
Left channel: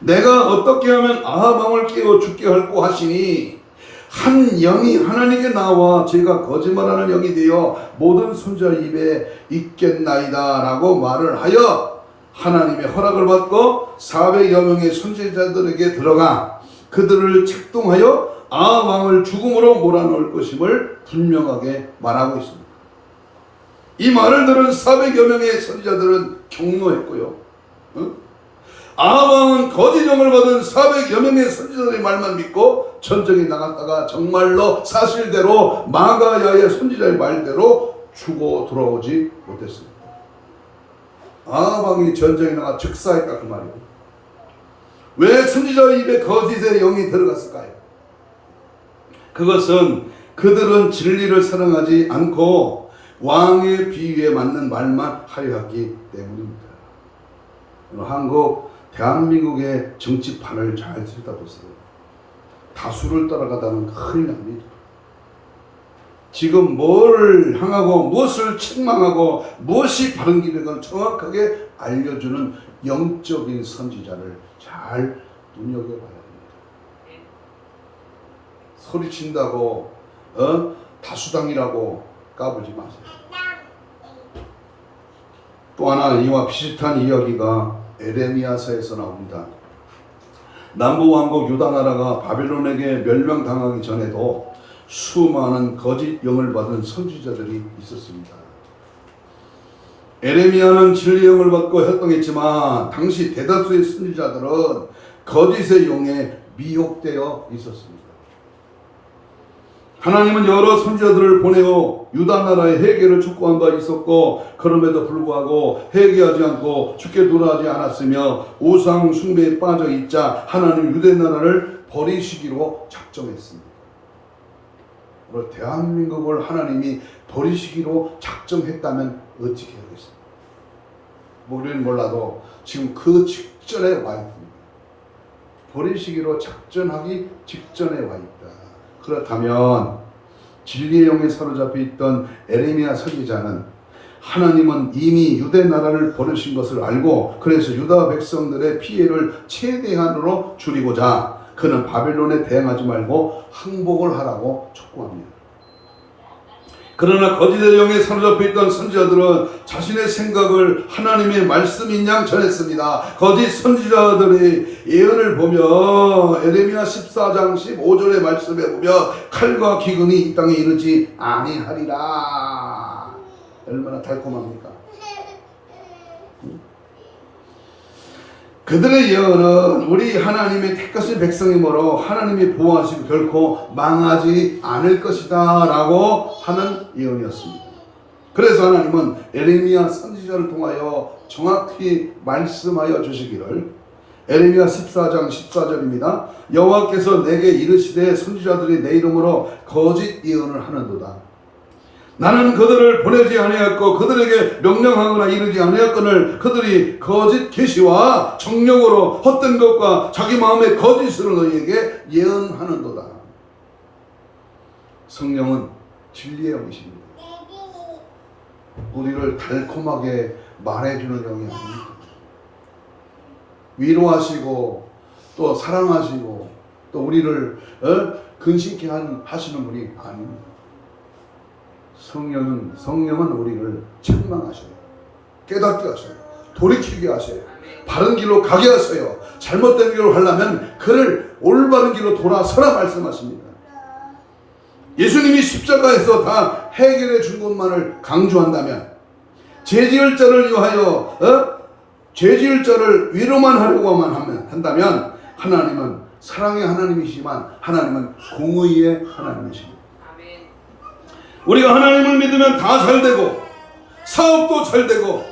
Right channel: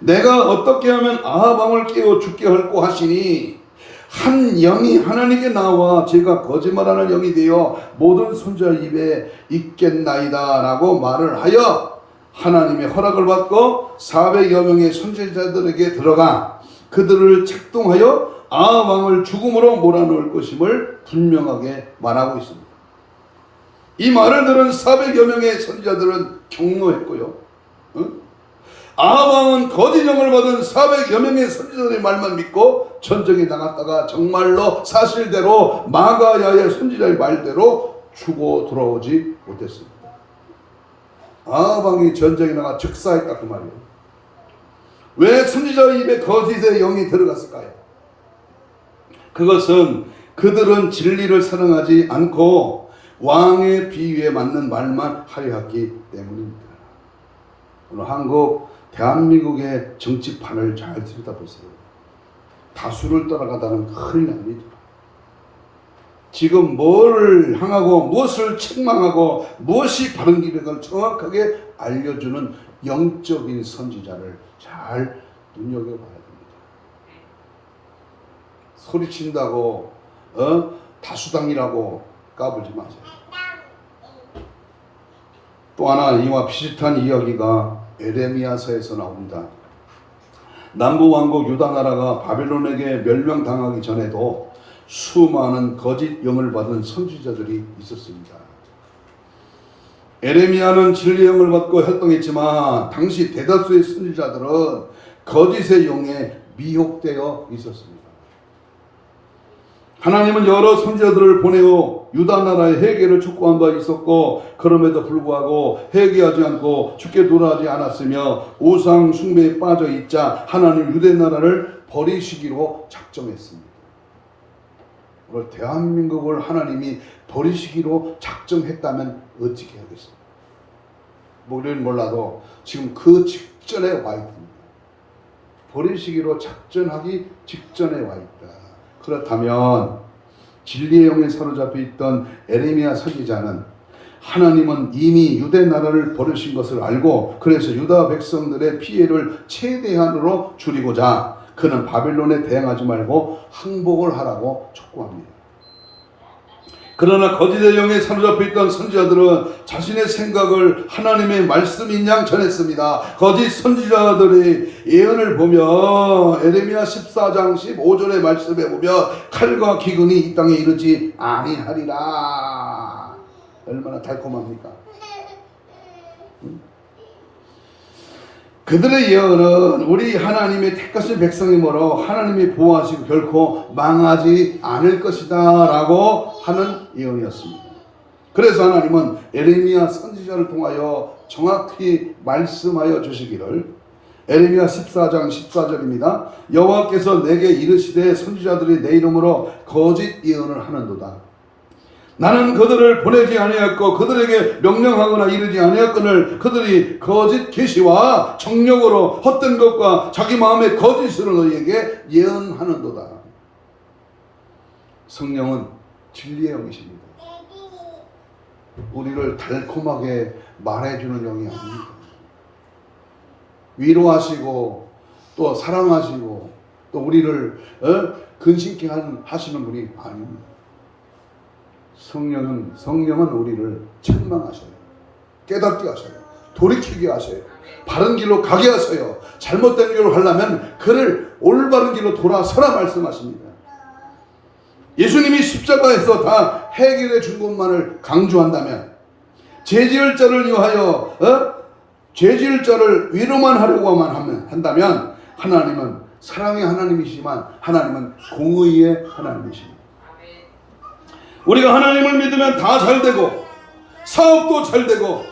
내가 어떻게 하면 아합 왕을 깨워 죽게 할고 하시니 한 영이 하나님께 나와 제가 거짓말하는 영이 되어 모든 손자 입에 있겠나이다 라고 말을 하여 하나님의 허락을 받고 400여 명의 선지자들에게 들어가 그들을 책동하여 아합 왕을 죽음으로 몰아넣을 것임을 분명하게 말하고 있습니다. 이 말을 들은 400여 명의 선지자들은 경노했고요. 아합 왕은 거짓 영을 받은 400여 명의 선지자들의 말만 믿고 전쟁에 나갔다가 정말로 사실대로 마가야의 선지자의 말대로 죽어 돌아오지 못했습니다. 아합 왕이 전쟁에 나가 즉사했다 그 말이에요. 왜 선지자의 입에 거짓의 영이 들어갔을까요? 그것은 그들은 진리를 사랑하지 않고 왕의 비유에 맞는 말만 하려 했기 때문입니다. 한국 대한민국의 정치판을 잘 들여다보세요. 다수를 따라가다는 큰일 납니다. 지금 뭐를 향하고 무엇을 책망하고 무엇이 바른 길인가 정확하게 알려주는 영적인 선지자를 잘 눈여겨봐야 됩니다. 소리친다고 다수당이라고 까불지 마세요. 또 하나 이와 비슷한 이야기가 에레미야서에서 나옵니다. 남부왕국 유다나라가 바벨론에게 멸망당하기 전에도 수많은 거짓 영을 받은 선지자들이 있었습니다. 에레미야는 진리의 영을 받고 활동했지만 당시 대다수의 선지자들은 거짓의 영에 미혹되어 있었습니다. 하나님은 여러 선지자들을 보내어 유다 나라의 회개를 촉구한 바 있었고 그럼에도 불구하고 회개하지 않고 주께 돌아가지 않았으며 우상 숭배에 빠져 있자 하나님 유대 나라를 버리시기로 작정했습니다. 오늘 대한민국을 하나님이 버리시기로 작정했다면 어떻게 하겠습니까? 우리는 몰라도 지금 그 직전에 와 있습니다. 버리시기로 작정하기 직전에 와 있다. 그렇다면 진리의 영에 사로잡혀 있던 에레미야 선지자는 하나님은 이미 유대 나라를 버리신 것을 알고 그래서 유다 백성들의 피해를 최대한으로 줄이고자 그는 바벨론에 대항하지 말고 항복을 하라고 촉구합니다. 그러나 거짓의 영에 사로잡혀 있던 선지자들은 자신의 생각을 하나님의 말씀인 양 전했습니다. 거짓 선지자들의 예언을 보며 에레미야 14장 15절의 말씀에 보면 칼과 기근이 이 땅에 이르지 아니하리라. 얼마나 달콤합니까? 그들의 예언은 우리 하나님의 택하신 백성이므로 하나님이 보호하시고 결코 망하지 않을 것이다 라고 하는 예언이었습니다. 그래서 하나님은 에레미야 선지자를 통하여 정확히 말씀하여 주시기를, 에레미야 14장 14절입니다. 여호와께서 내게 이르시되 선지자들이 내 이름으로 거짓 예언을 하는도다. 나는 그들을 보내지 아니하였고 그들에게 명령하거나 이르지 아니하였거늘 그들이 거짓 계시와 정력으로 헛된 것과 자기 마음의 거짓으로 너희에게 예언하는도다. 성령은 진리의 영이십니다. 우리를 달콤하게 말해주는 영이 아닙니다. 위로하시고 또 사랑하시고 또 우리를 근심케 하시는 분이 아닙니다. 성령은 우리를 책망하셔요. 깨닫게 하셔요. 돌이키게 하셔요. 바른 길로 가게 하셔요. 잘못된 길로 가려면 그를 올바른 길로 돌아서라 말씀하십니다. 예수님이 십자가에서 다 해결해 준 것만을 강조한다면, 죄지을 자를 위하여 죄지을 자를 위로만 하려고만 한다면 하나님은 사랑의 하나님이시지만 하나님은 공의의 하나님이십니다. 우리가 하나님을 믿으면 다 잘되고 사업도 잘되고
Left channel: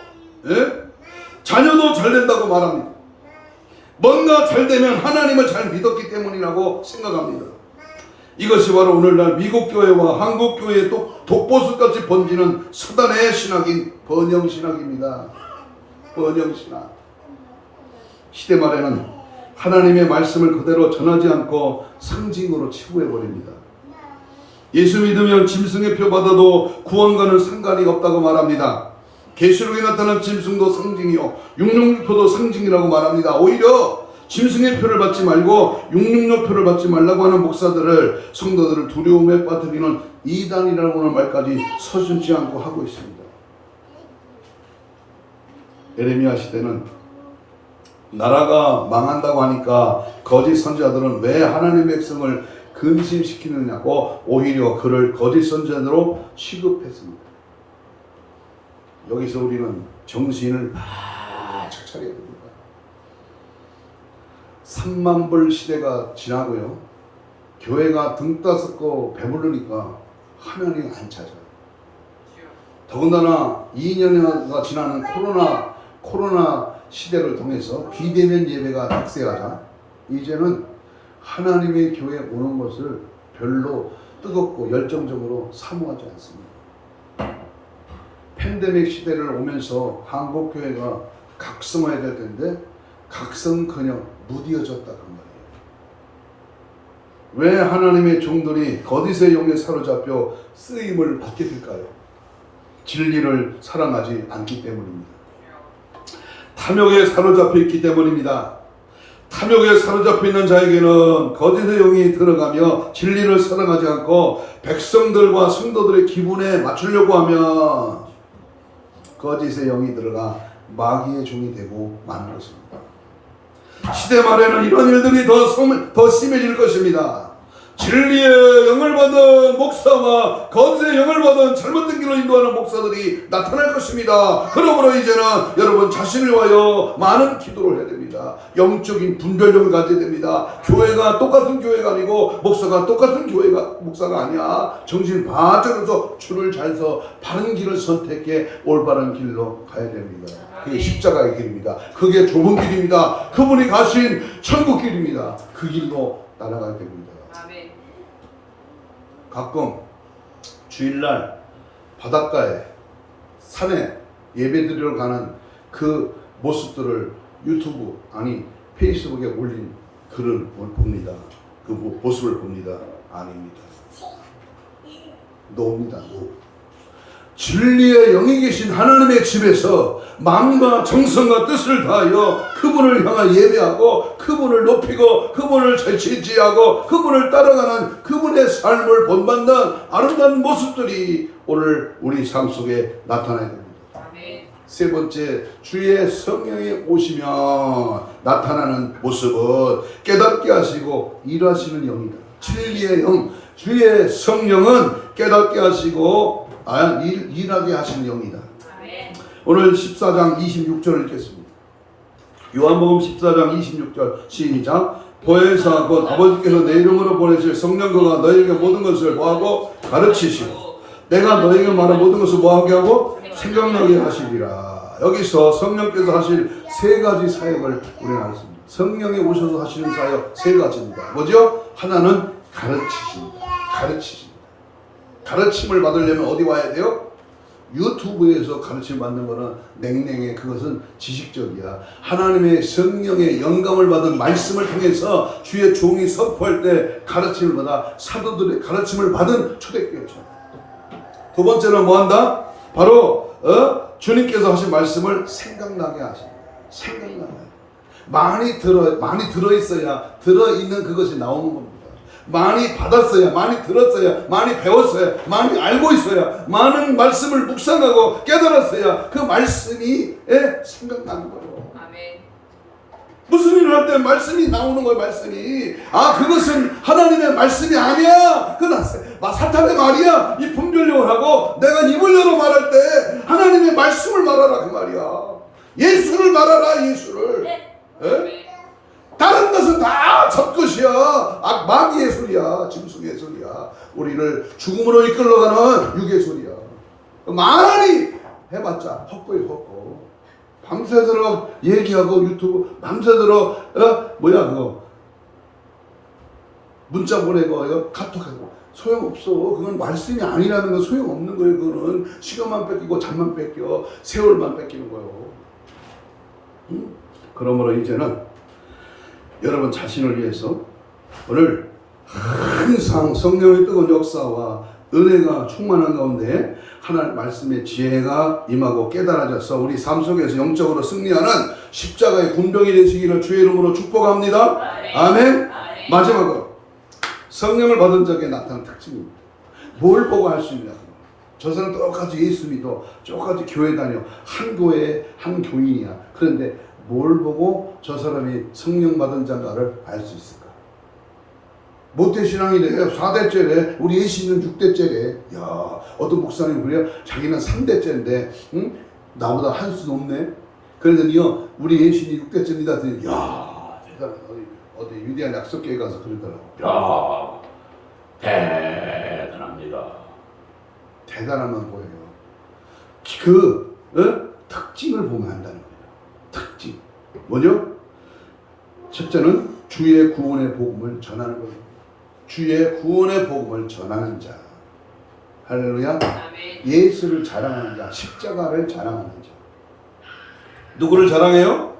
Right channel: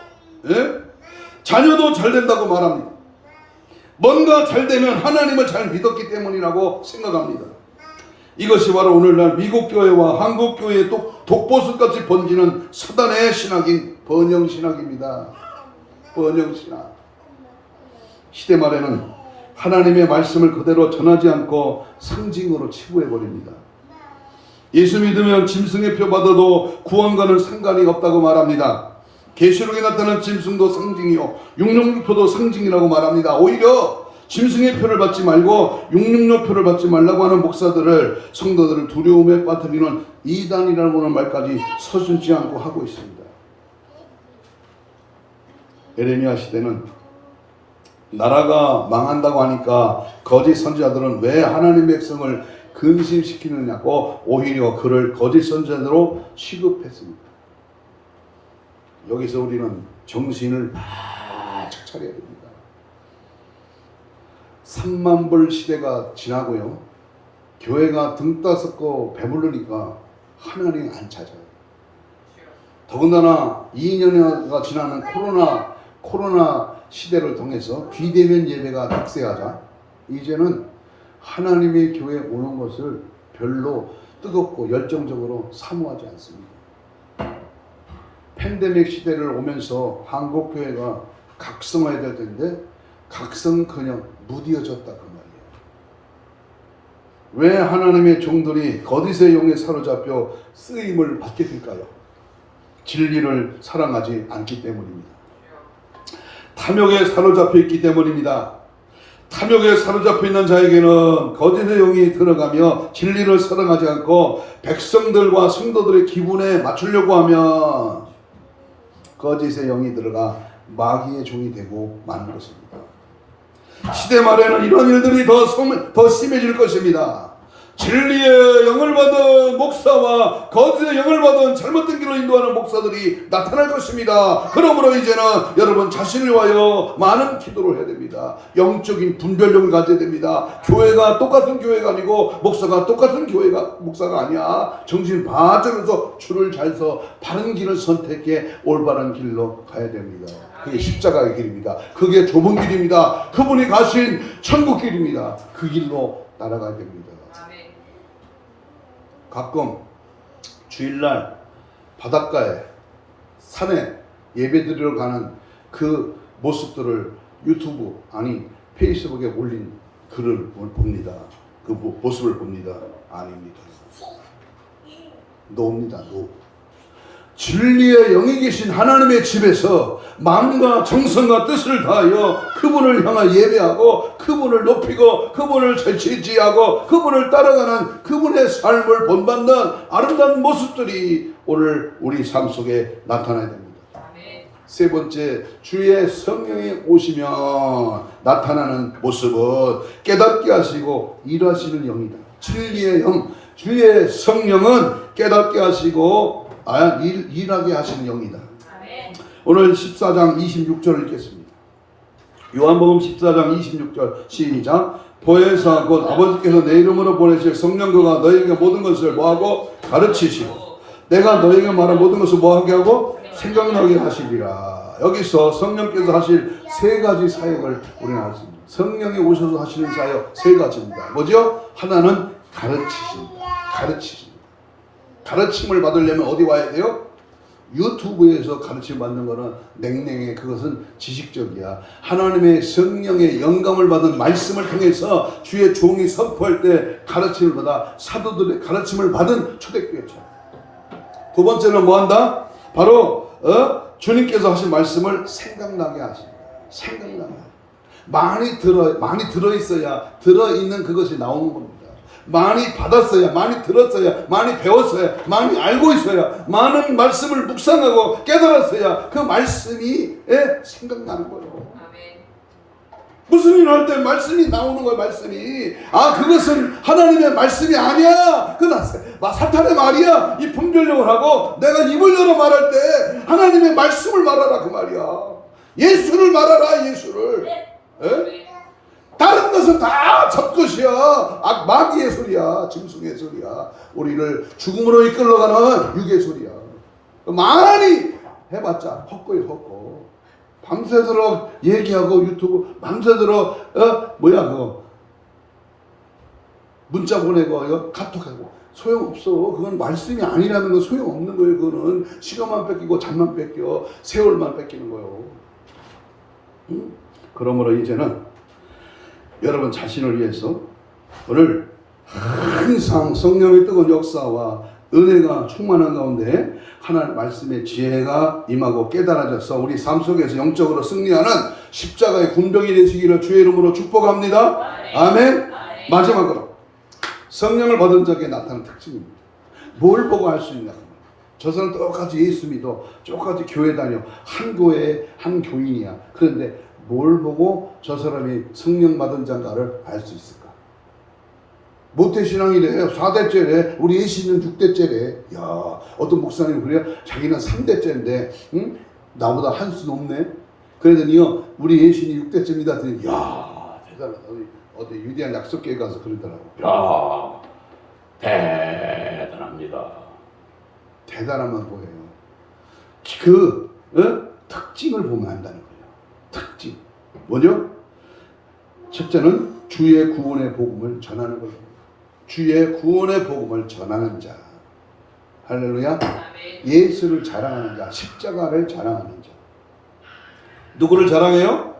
자녀도 잘된다고 말합니다. 뭔가 잘되면 하나님을 잘 믿었기 때문이라고 생각합니다. 이것이 바로 오늘날 미국 교회와 한국 교회의 독보수같이 번지는 사단의 신학인 번영신학입니다. 번영신학. 시대 말에는 하나님의 말씀을 그대로 전하지 않고 상징으로 치부해버립니다. 예수 믿으면 짐승의 표 받아도 구원과는 상관이 없다고 말합니다. 계시록에 나타난 짐승도 상징이요 육룡표도 상징이라고 말합니다. 오히려 짐승의 표를 받지 말고 육룡표 표를 받지 말라고 하는 목사들을, 성도들을 두려움에 빠뜨리는 이단이라고 하는 말까지 서슴지 않고 하고 있습니다. 에레미야 시대는 나라가 망한다고 하니까 거짓 선지자들은 왜 하나님의 백성을 근심시키느냐고 오히려 그를 거짓 선지자로 취급했습니다. 여기서 우리는 정신을 바짝 차려야 됩니다. 3만불 시대가 지나고요. 교회가 등 따숩고 배부르니까 하나님 안 찾아. 더군다나 2년여가 지나는 코로나 시대를 통해서 비대면 예배가 득세하자 이제는 하나님의 교회에 오는 것을 별로 뜨겁고 열정적으로 사모하지 않습니다. 팬데믹 시대를 오면서 한국 교회가 각성해야 될 텐데 각성커녕 무뎌졌다 그 말이에요. 왜 하나님의 종들이 거짓의 영에 사로잡혀 쓰임을 받게 될까요? 진리를 사랑하지 않기 때문입니다. 탐욕에 사로잡혀 있기 때문입니다. 탐욕에 사로잡혀 있는 자에게는 거짓의 영이 들어가며 진리를 사랑하지 않고 백성들과 성도들의 기분에 맞추려고 하면 거짓의 영이 들어가 마귀의 종이 되고 마는 것입니다. 시대 말에는 이런 일들이 더 심해질 것입니다. 진리의 영을 받은 목사와 거짓의 영을 받은 잘못된 길로 인도하는 목사들이 나타날 것입니다. 그러므로 이제는 여러분 자신을 위하여 많은 기도를 해야 됩니다. 영적인 분별력을 가져야 됩니다. 교회가 똑같은 교회가 아니고 목사가 똑같은 목사가 아니야. 정신 바짝 차려서 줄을 잘 서 바른 길을 선택해 올바른 길로 가야 됩니다. 그게 십자가의 길입니다. 그게 좁은 길입니다. 그분이 가신 천국 길입니다. 그 길로 따라가야 됩니다. 가끔 주일날 바닷가에 산에 예배드리러 가는 그 모습들을 유튜브 아니 페이스북에 올린 글을 봅니다. 그 모습을 봅니다. 아닙니다. 노입니다. 노. 진리의 영이 계신 하나님의 집에서 마음과 정성과 뜻을 다하여 그분을 향하 예배하고 그분을 높이고 그분을 절치지하고 그분을 따라가는 그분의 삶을 본받는 아름다운 모습들이 오늘 우리 삶 속에 나타나야 됩니다. 세 번째, 주의 성령이 오시면 나타나는 모습은 깨닫게 하시고 일하시는 영이다. 진리의 영, 주의 성령은 깨닫게 하시고 일하게 하시는 영이다. 오늘 14장 26절을 읽겠습니다. 요한복음 14장 26절 시작. 보혜사 곧 아버지께서 내 이름으로 보내실 성령 그가 너희에게 모든 것을 뭐하고 가르치시고 내가 너희에게 말한 모든 것을 뭐하게 하고 생각나게 하시리라. 여기서 성령께서 하실 세 가지 사역을 우리는 알습니다. 성령이 오셔서 하시는 사역 세 가지입니다. 뭐죠? 하나는 가르치십니다. 가르침을 받으려면 어디 와야 돼요? 유튜브에서 가르침 받는 거는 냉랭해. 그것은 지식적이야. 하나님의 성령의 영감을 받은 말씀을 통해서 주의 종이 선포할 때 가르침을 받아 사도들의 가르침을 받은 초대교회죠. 두 번째는 뭐한다? 바로 주님께서 하신 말씀을 생각나게 하십니다. 생각나게. 많이 들어있어야 들어있는 그것이 나오는 겁니다. 많이 받았어야, 많이 들었어야, 많이 배웠어야, 많이 알고 있어야, 많은 말씀을 묵상하고 깨달았어야 그 말씀이 생각나는 거예요. 아멘. 무슨 일 할 때 말씀이 나오는 거예요. 말씀이. 그것은 하나님의 말씀이 아니야. 그건 사탄의 말이야. 이 분별력을 하고 내가 입을 열어 말할 때 하나님의 말씀을 말하라 그 말이야. 예수를 말하라. 예수를. 다른 것은 다 젖것이야. 마귀의 소리야. 짐승의 소리야. 우리를 죽음으로 이끌러가는 육의 소리야. 많이 해봤자 헛거이 헛거. 밤새도록 얘기하고 유튜브 밤새도록 그거 문자 보내고 이거 카톡하고 소용없어. 그건 말씀이 아니라는 건 소용없는 거예요. 그거는 시간만 뺏기고 잠만 뺏겨 세월만 뺏기는 거예요. 그러므로 이제는 여러분 자신을 위해서 오늘 항상 성령의 뜨거운 역사와 은혜가 충만한 가운데 하나님 말씀의 지혜가 임하고 깨달아져서 우리 삶 속에서 영적으로 승리하는 십자가의 군병이 되시기를 주의 이름으로 축복합니다. 아멘. 마지막으로 성령을 받은 자에게 나타나는 특징입니다. 뭘 보고 할 수 있냐? 저 사람 똑같이 예수 믿어, 똑같이 교회 다녀, 한 교회에 한 교인이야. 그런데 뭘 보고 저 사람이 성령 받은 자인가를 알 수 있을까? 모태신앙이래. 4대째래. 우리 예수는 6대째래. 야, 어떤 목사님 그래요? 자기는 3대째인데 나보다 한 수 높네. 그러더니요, 우리 예수님 6대째입니다. 그랬더니 야, 대단하다. 어디 유대한 약속교회 가서 그러더라고. 야, 대단합니다. 대단하면 뭐예요? 그 특징을 보면 한다는 거예요. 특징. 뭐죠? 첫째는 주의 구원의 복음을 전하는 거예요. 주의 구원의 복음을 전하는 자. 할렐루야. 예수를 자랑하는 자. 십자가를 자랑하는 자. 누구를 자랑해요?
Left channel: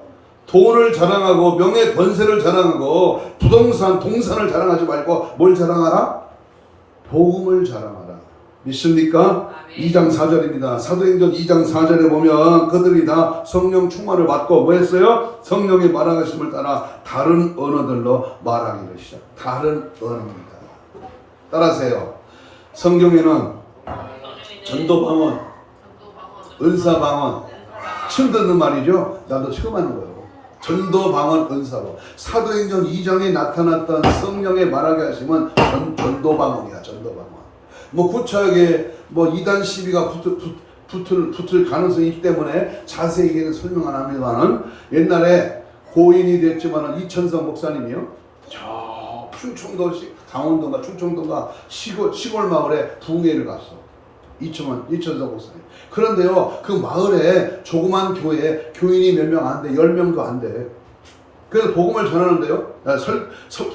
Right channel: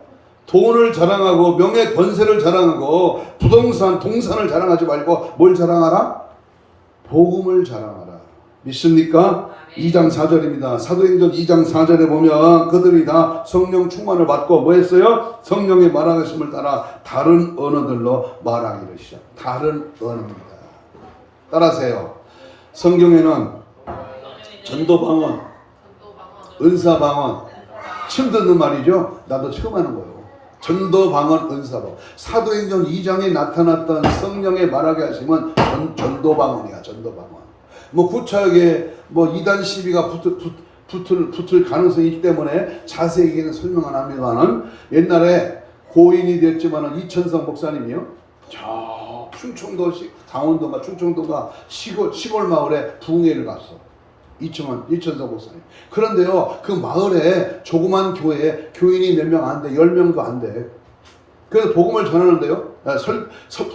돈을 자랑하고 명예 권세를 자랑하고 부동산 동산을 자랑하지 말고 뭘 자랑하라? 복음을 자랑하라. 믿습니까? 2장 4절입니다. 사도행전 2장 4절에 보면 그들이 다 성령 충만을 받고 뭐 했어요? 성령의 말하심을 따라 다른 언어들로 말하기를 시작. 다른 언어입니다. 따라하세요. 성경에는 전도방언, 은사방언 처음 듣는 말이죠. 나도 처음 하는 거예요. 전도방언, 은사방언. 사도행전 2장에 나타났던 성령의 말하게 하시면 전도방언이야. 전도방언. 뭐 구차하게 뭐 이단 시비가 붙을 가능성이 있기 때문에 자세히는 설명 안 합니다만 옛날에 고인이 됐지만은 이천성 목사님이요. 저 충청도 강원도가 충청도가 시골 마을에 부흥회를 갔어. 이천성 목사님. 그런데요, 그 마을에 조그만 교회에 교인이 몇 명 안 돼. 10명도 안 돼. 그래서 복음을 전하는데요.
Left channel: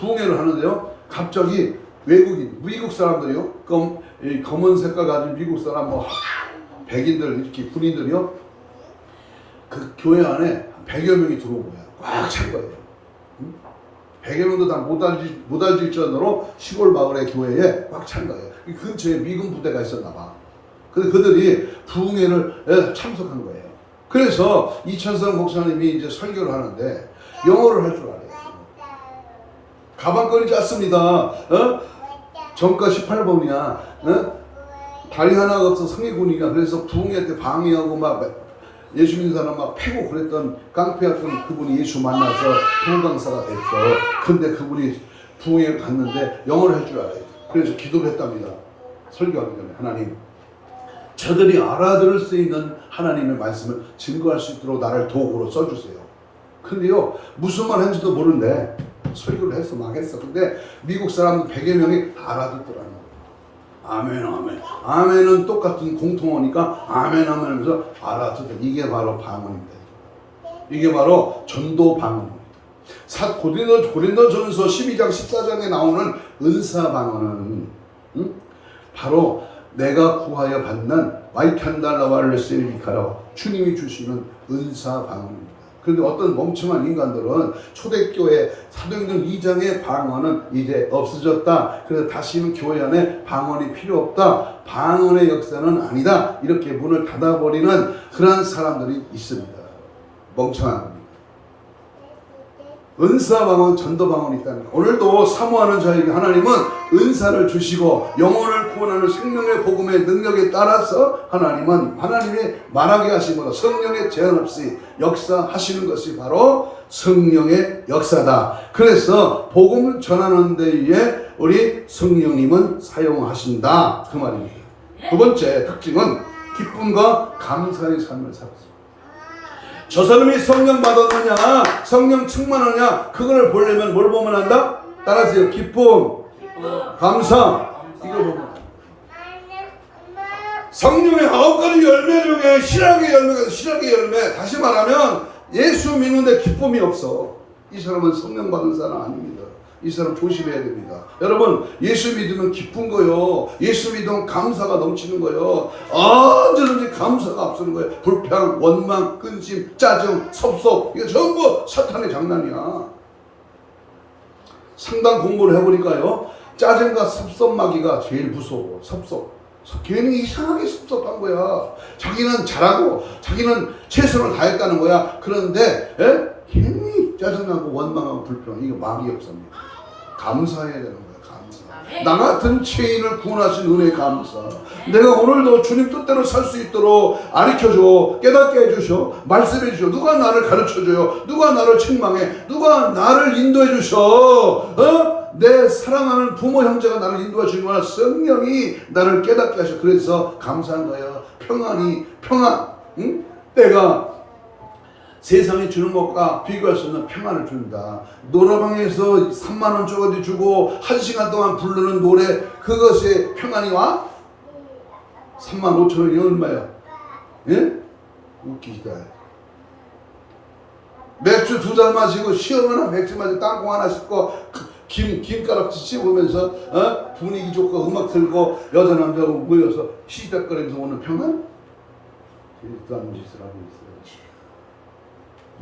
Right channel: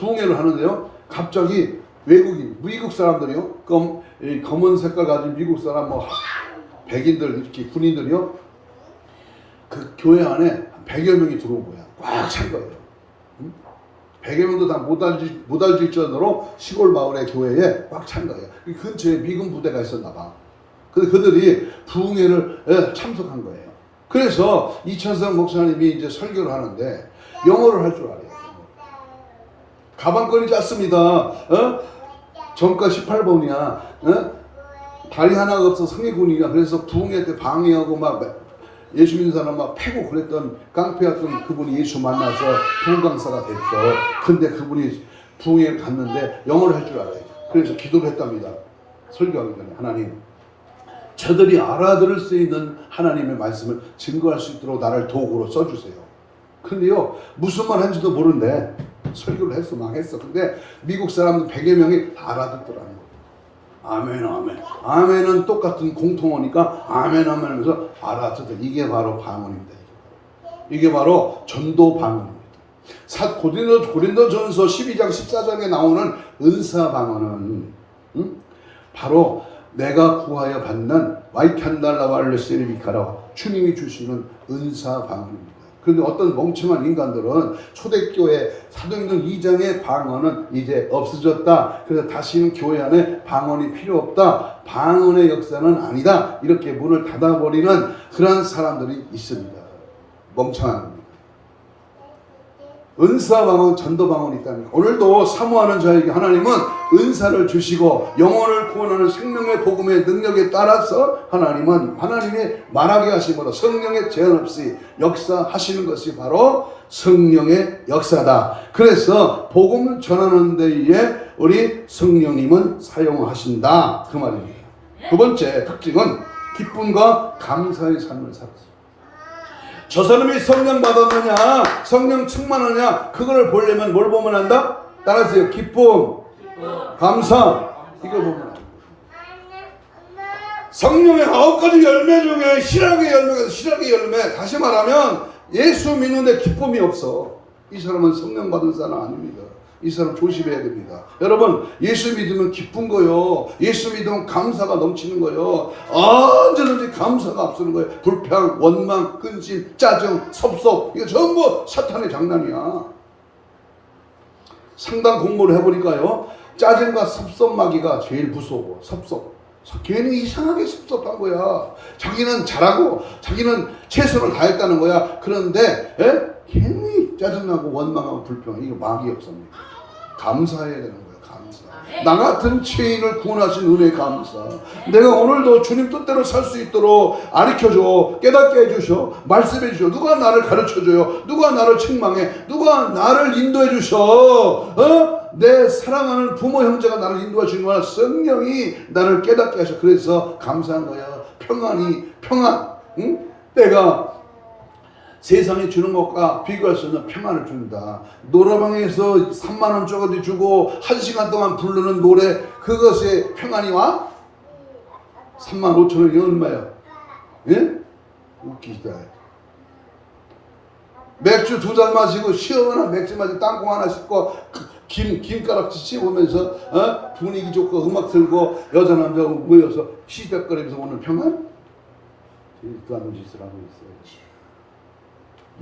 부흥회를 하는데요. 갑자기 외국인, 미국 사람들이요. 검은 색깔 가진 미국 사람, 뭐 백인들 이렇게 군인들이요. 그 교회 안에 100여 명이 들어온 거야. 꽉 찬 거예요. 100여 명도 다 못 알질 정도로 시골 마을의 교회에 꽉 찬 거예요. 그 근처에 미군 부대가 있었나 봐. 근데 그들이 부흥회를 참석한 거예요. 그래서 이천성 목사님이 이제 설교를 하는데 영어를 할 줄 알아요. 가방끈이 짧습니다. 정가 18범이야. 다리 하나가 없어 성의군이야. 그래서 부흥회 때 방해하고 막 예수 믿는 사람 막 패고 그랬던 깡패였던 그분이 예수 만나서 부흥강사가 됐어. 근데 그분이 부흥회를 갔는데 영어를 할 줄 알아요. 그래서 기도를 했답니다. 설교하기 전에 하나님, 저들이 알아들을 수 있는 하나님의 말씀을 증거할 수 있도록 나를 도구로 써주세요. 근데요, 무슨 말 한지도 모르는데 설교를 했어, 망했어. 근데 미국 사람 100여 명이 다 알아듣더라고요. 아멘, 아멘. 아멘은 똑같은 공통어니까 아멘, 아멘 하면서 알아듣다. 이게 바로 방언입니다. 이게 바로 전도 방언입니다. 고린도전서 12장 14장에 나오는 은사 방언은 바로 내가 구하여 받는 와이칸달라왈레스리카라 주님이 주시는 은사 방언입니다. 그런데 어떤 멍청한 인간들은 초대교회 사도행전 2장의 방언은 이제 없어졌다. 그래서 다시는 교회 안에 방언이 필요 없다. 방언의 역사는 아니다. 이렇게 문을 닫아버리는 그런 사람들이 있습니다. 멍청한 겁니다. 은사 방언, 전도 방언이 있다는 거. 오늘도 사모하는 자에게 하나님은 은사를 주시고 영혼을 구원하는 생명의 복음의 능력에 따라서 하나님은 하나님이 말하게 하시보다 성령의 제한 없이 역사하시는 것이 바로 성령의 역사다. 그래서 복음을 전하는 데에 우리 성령님은 사용하신다. 그 말입니다. 두 번째 특징은 기쁨과 감사의 삶을 살았습니다. 저 사람이 성령 받았느냐, 성령 충만하냐, 그걸 보려면 뭘 보면 한다? 따라하세요. 기쁨, 감사, 이거 보면 한다. 성령의 9가지 열매 중에 실학의 열매가 실학의 열매. 다시 말하면 예수 믿는데 기쁨이 없어. 이 사람은 성령 받은 사람 아닙니다. 이 사람 조심해야 됩니다. 여러분, 예수 믿으면 기쁜 거요. 예수 믿으면 감사가 넘치는 거요. 언제든지 감사가 앞서는 거예요. 불평, 원망, 근심, 짜증, 섭섭, 이거 전부 사탄의 장난이야. 상담 공부를 해보니까요, 짜증과 섭섭마귀가 제일 무서워. 섭섭. 괜히 이상하게 섭섭한 거야. 자기는 잘하고 자기는 최선을 다했다는 거야. 그런데 괜히 짜증나고 원망하고 불평, 이거 마귀 역사입니다. 감사해야 되는 거예요. 감사. 나 같은 죄인을 구원하신 은혜 감사. 내가 오늘도 주님 뜻대로 살 수 있도록 가르쳐줘, 깨닫게 해주셔, 말씀해 주셔. 누가 나를 가르쳐줘요? 누가 나를 책망해? 누가 나를 인도해 주셔? 내 사랑하는 부모 형제가 나를 인도해 주는 거야. 성령이 나를 깨닫게 하셔. 그래서 감사한 거예요. 평안. 내가 세상에 주는 것과 비교할 수 없는 평안을 줍니다. 노래방에서 3만원짜리 주고 1시간 동안 부르는 노래, 그것에 평안이 와? 35,000원이 얼마야? 예? 웃기다. 맥주 2잔 마시고 시원한 맥주 마시고 땅콩 하나 씹고 김가락지 씹으면서 분위기 좋고 음악 틀고 여자 남자하고 모여서 시작거리면서 오는 평안? 그리스도 하는 짓을 하고 있어요.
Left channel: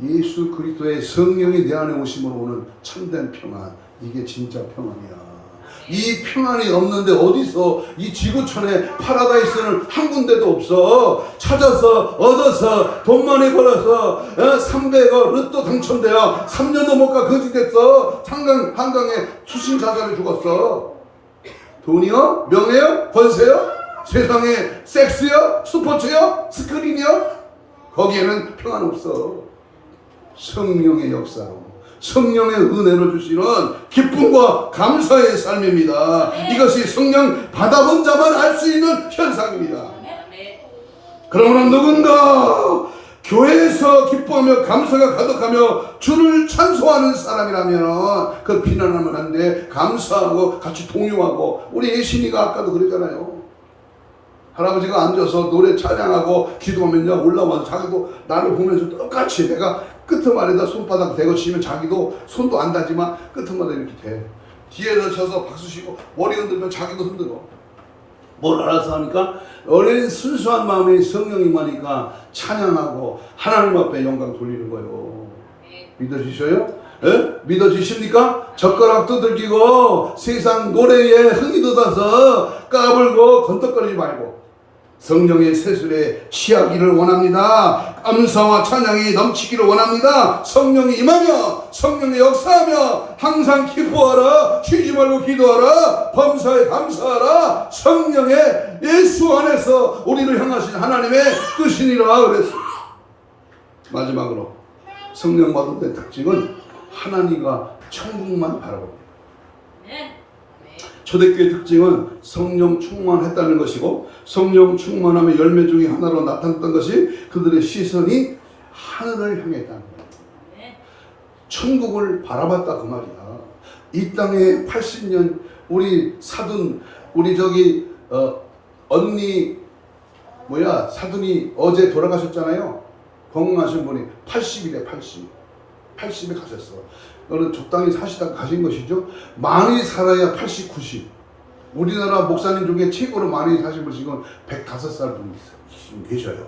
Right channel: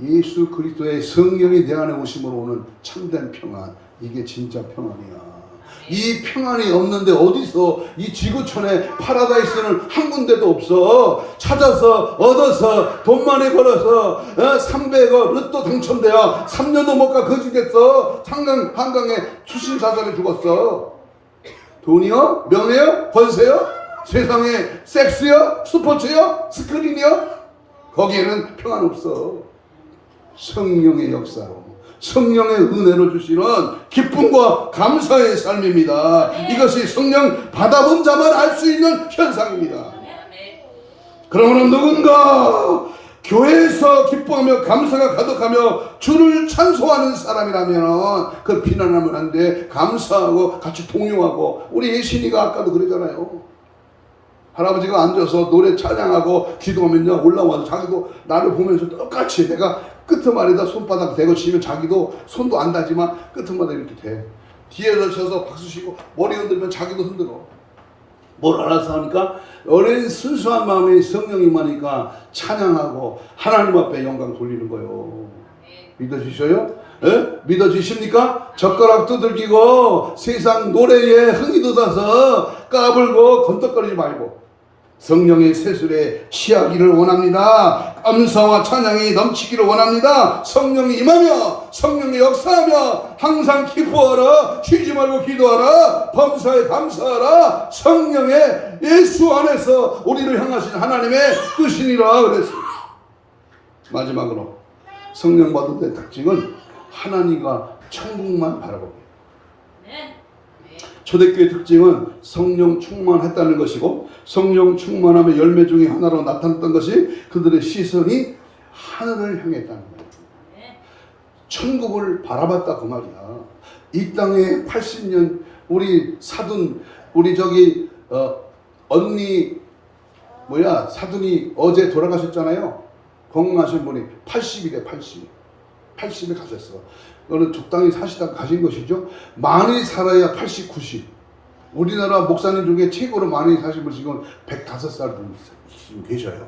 예수 그리스도의 성령이 내 안에 오심으로 오는 참된 평안, 이게 진짜 평안이야. 이 평안이 없는데 어디서 이 지구촌에 파라다이스는 한 군데도 없어. 찾아서 얻어서 돈 많이 벌어서 300억 로또 당첨되어 3년도 못 가 거지 됐어. 한강에 수신 자살해 죽었어. 돈이요? 명예요? 권세요? 세상에 섹스요? 스포츠요? 스크린이요? 거기에는 평안 없어. 성령의 역사, 성령의 은혜를 주시는 기쁨과 감사의 삶입니다. 이것이 성령 받아본 자만 알 수 있는 현상입니다. 그러므로 누군가 교회에서 기뻐하며 감사가 가득하며 주를 찬송하는 사람이라면 그 비난하면 안 돼. 감사하고 같이 동요하고. 우리 예신이가 아까도 그러잖아요. 할아버지가 앉아서 노래 찬양하고 기도하면요, 올라와서 자기도 나를 보면서 똑같이, 내가 끄트머리에다 손바닥 대고 치면 자기도 손도 안 닿지만 끄트머리 이렇게 대. 뒤에서 쳐서 박수 치고 머리 흔들면 자기도 흔들어. 뭘 알아서 하니까? 어린 순수한 마음에 성령이 임하니까 찬양하고 하나님 앞에 영광 돌리는 거예요. 믿어지셔요? 예? 믿어지십니까? 젓가락 두들기고 세상 노래에 흥이 돋아서 까불고 건덕거리지 말고 성령의 세술에 취하기를 원합니다. 감사와 찬양이 넘치기를 원합니다. 성령이 임하며 성령이 역사하며 항상 기뻐하라. 쉬지 말고 기도하라. 범사에 감사하라. 성령의 예수 안에서 우리를 향하신 하나님의 뜻이니라 그랬습니다. 마지막으로 성령 받은 데 특징은 하나님과 천국만 바라봅니다. 초대교회 특징은 성령 충만했다는 것이고, 성령 충만함의 열매 중에 하나로 나타났던 것이 그들의 시선이 하늘을 향했다는 거예요. 천국을 바라봤다 그 말이야. 이 땅에 80년 우리 사돈 우리 저기 언니 사돈이 어제 돌아가셨잖아요. 건강하신 분이 80이래. 80에 가셨어. 너는 적당히 사시다가 가신 것이죠. 많이 살아야 80, 90. 우리나라 목사님 중에 최고로 많이 사신 분 지금 105살 분이 지금 계셔요.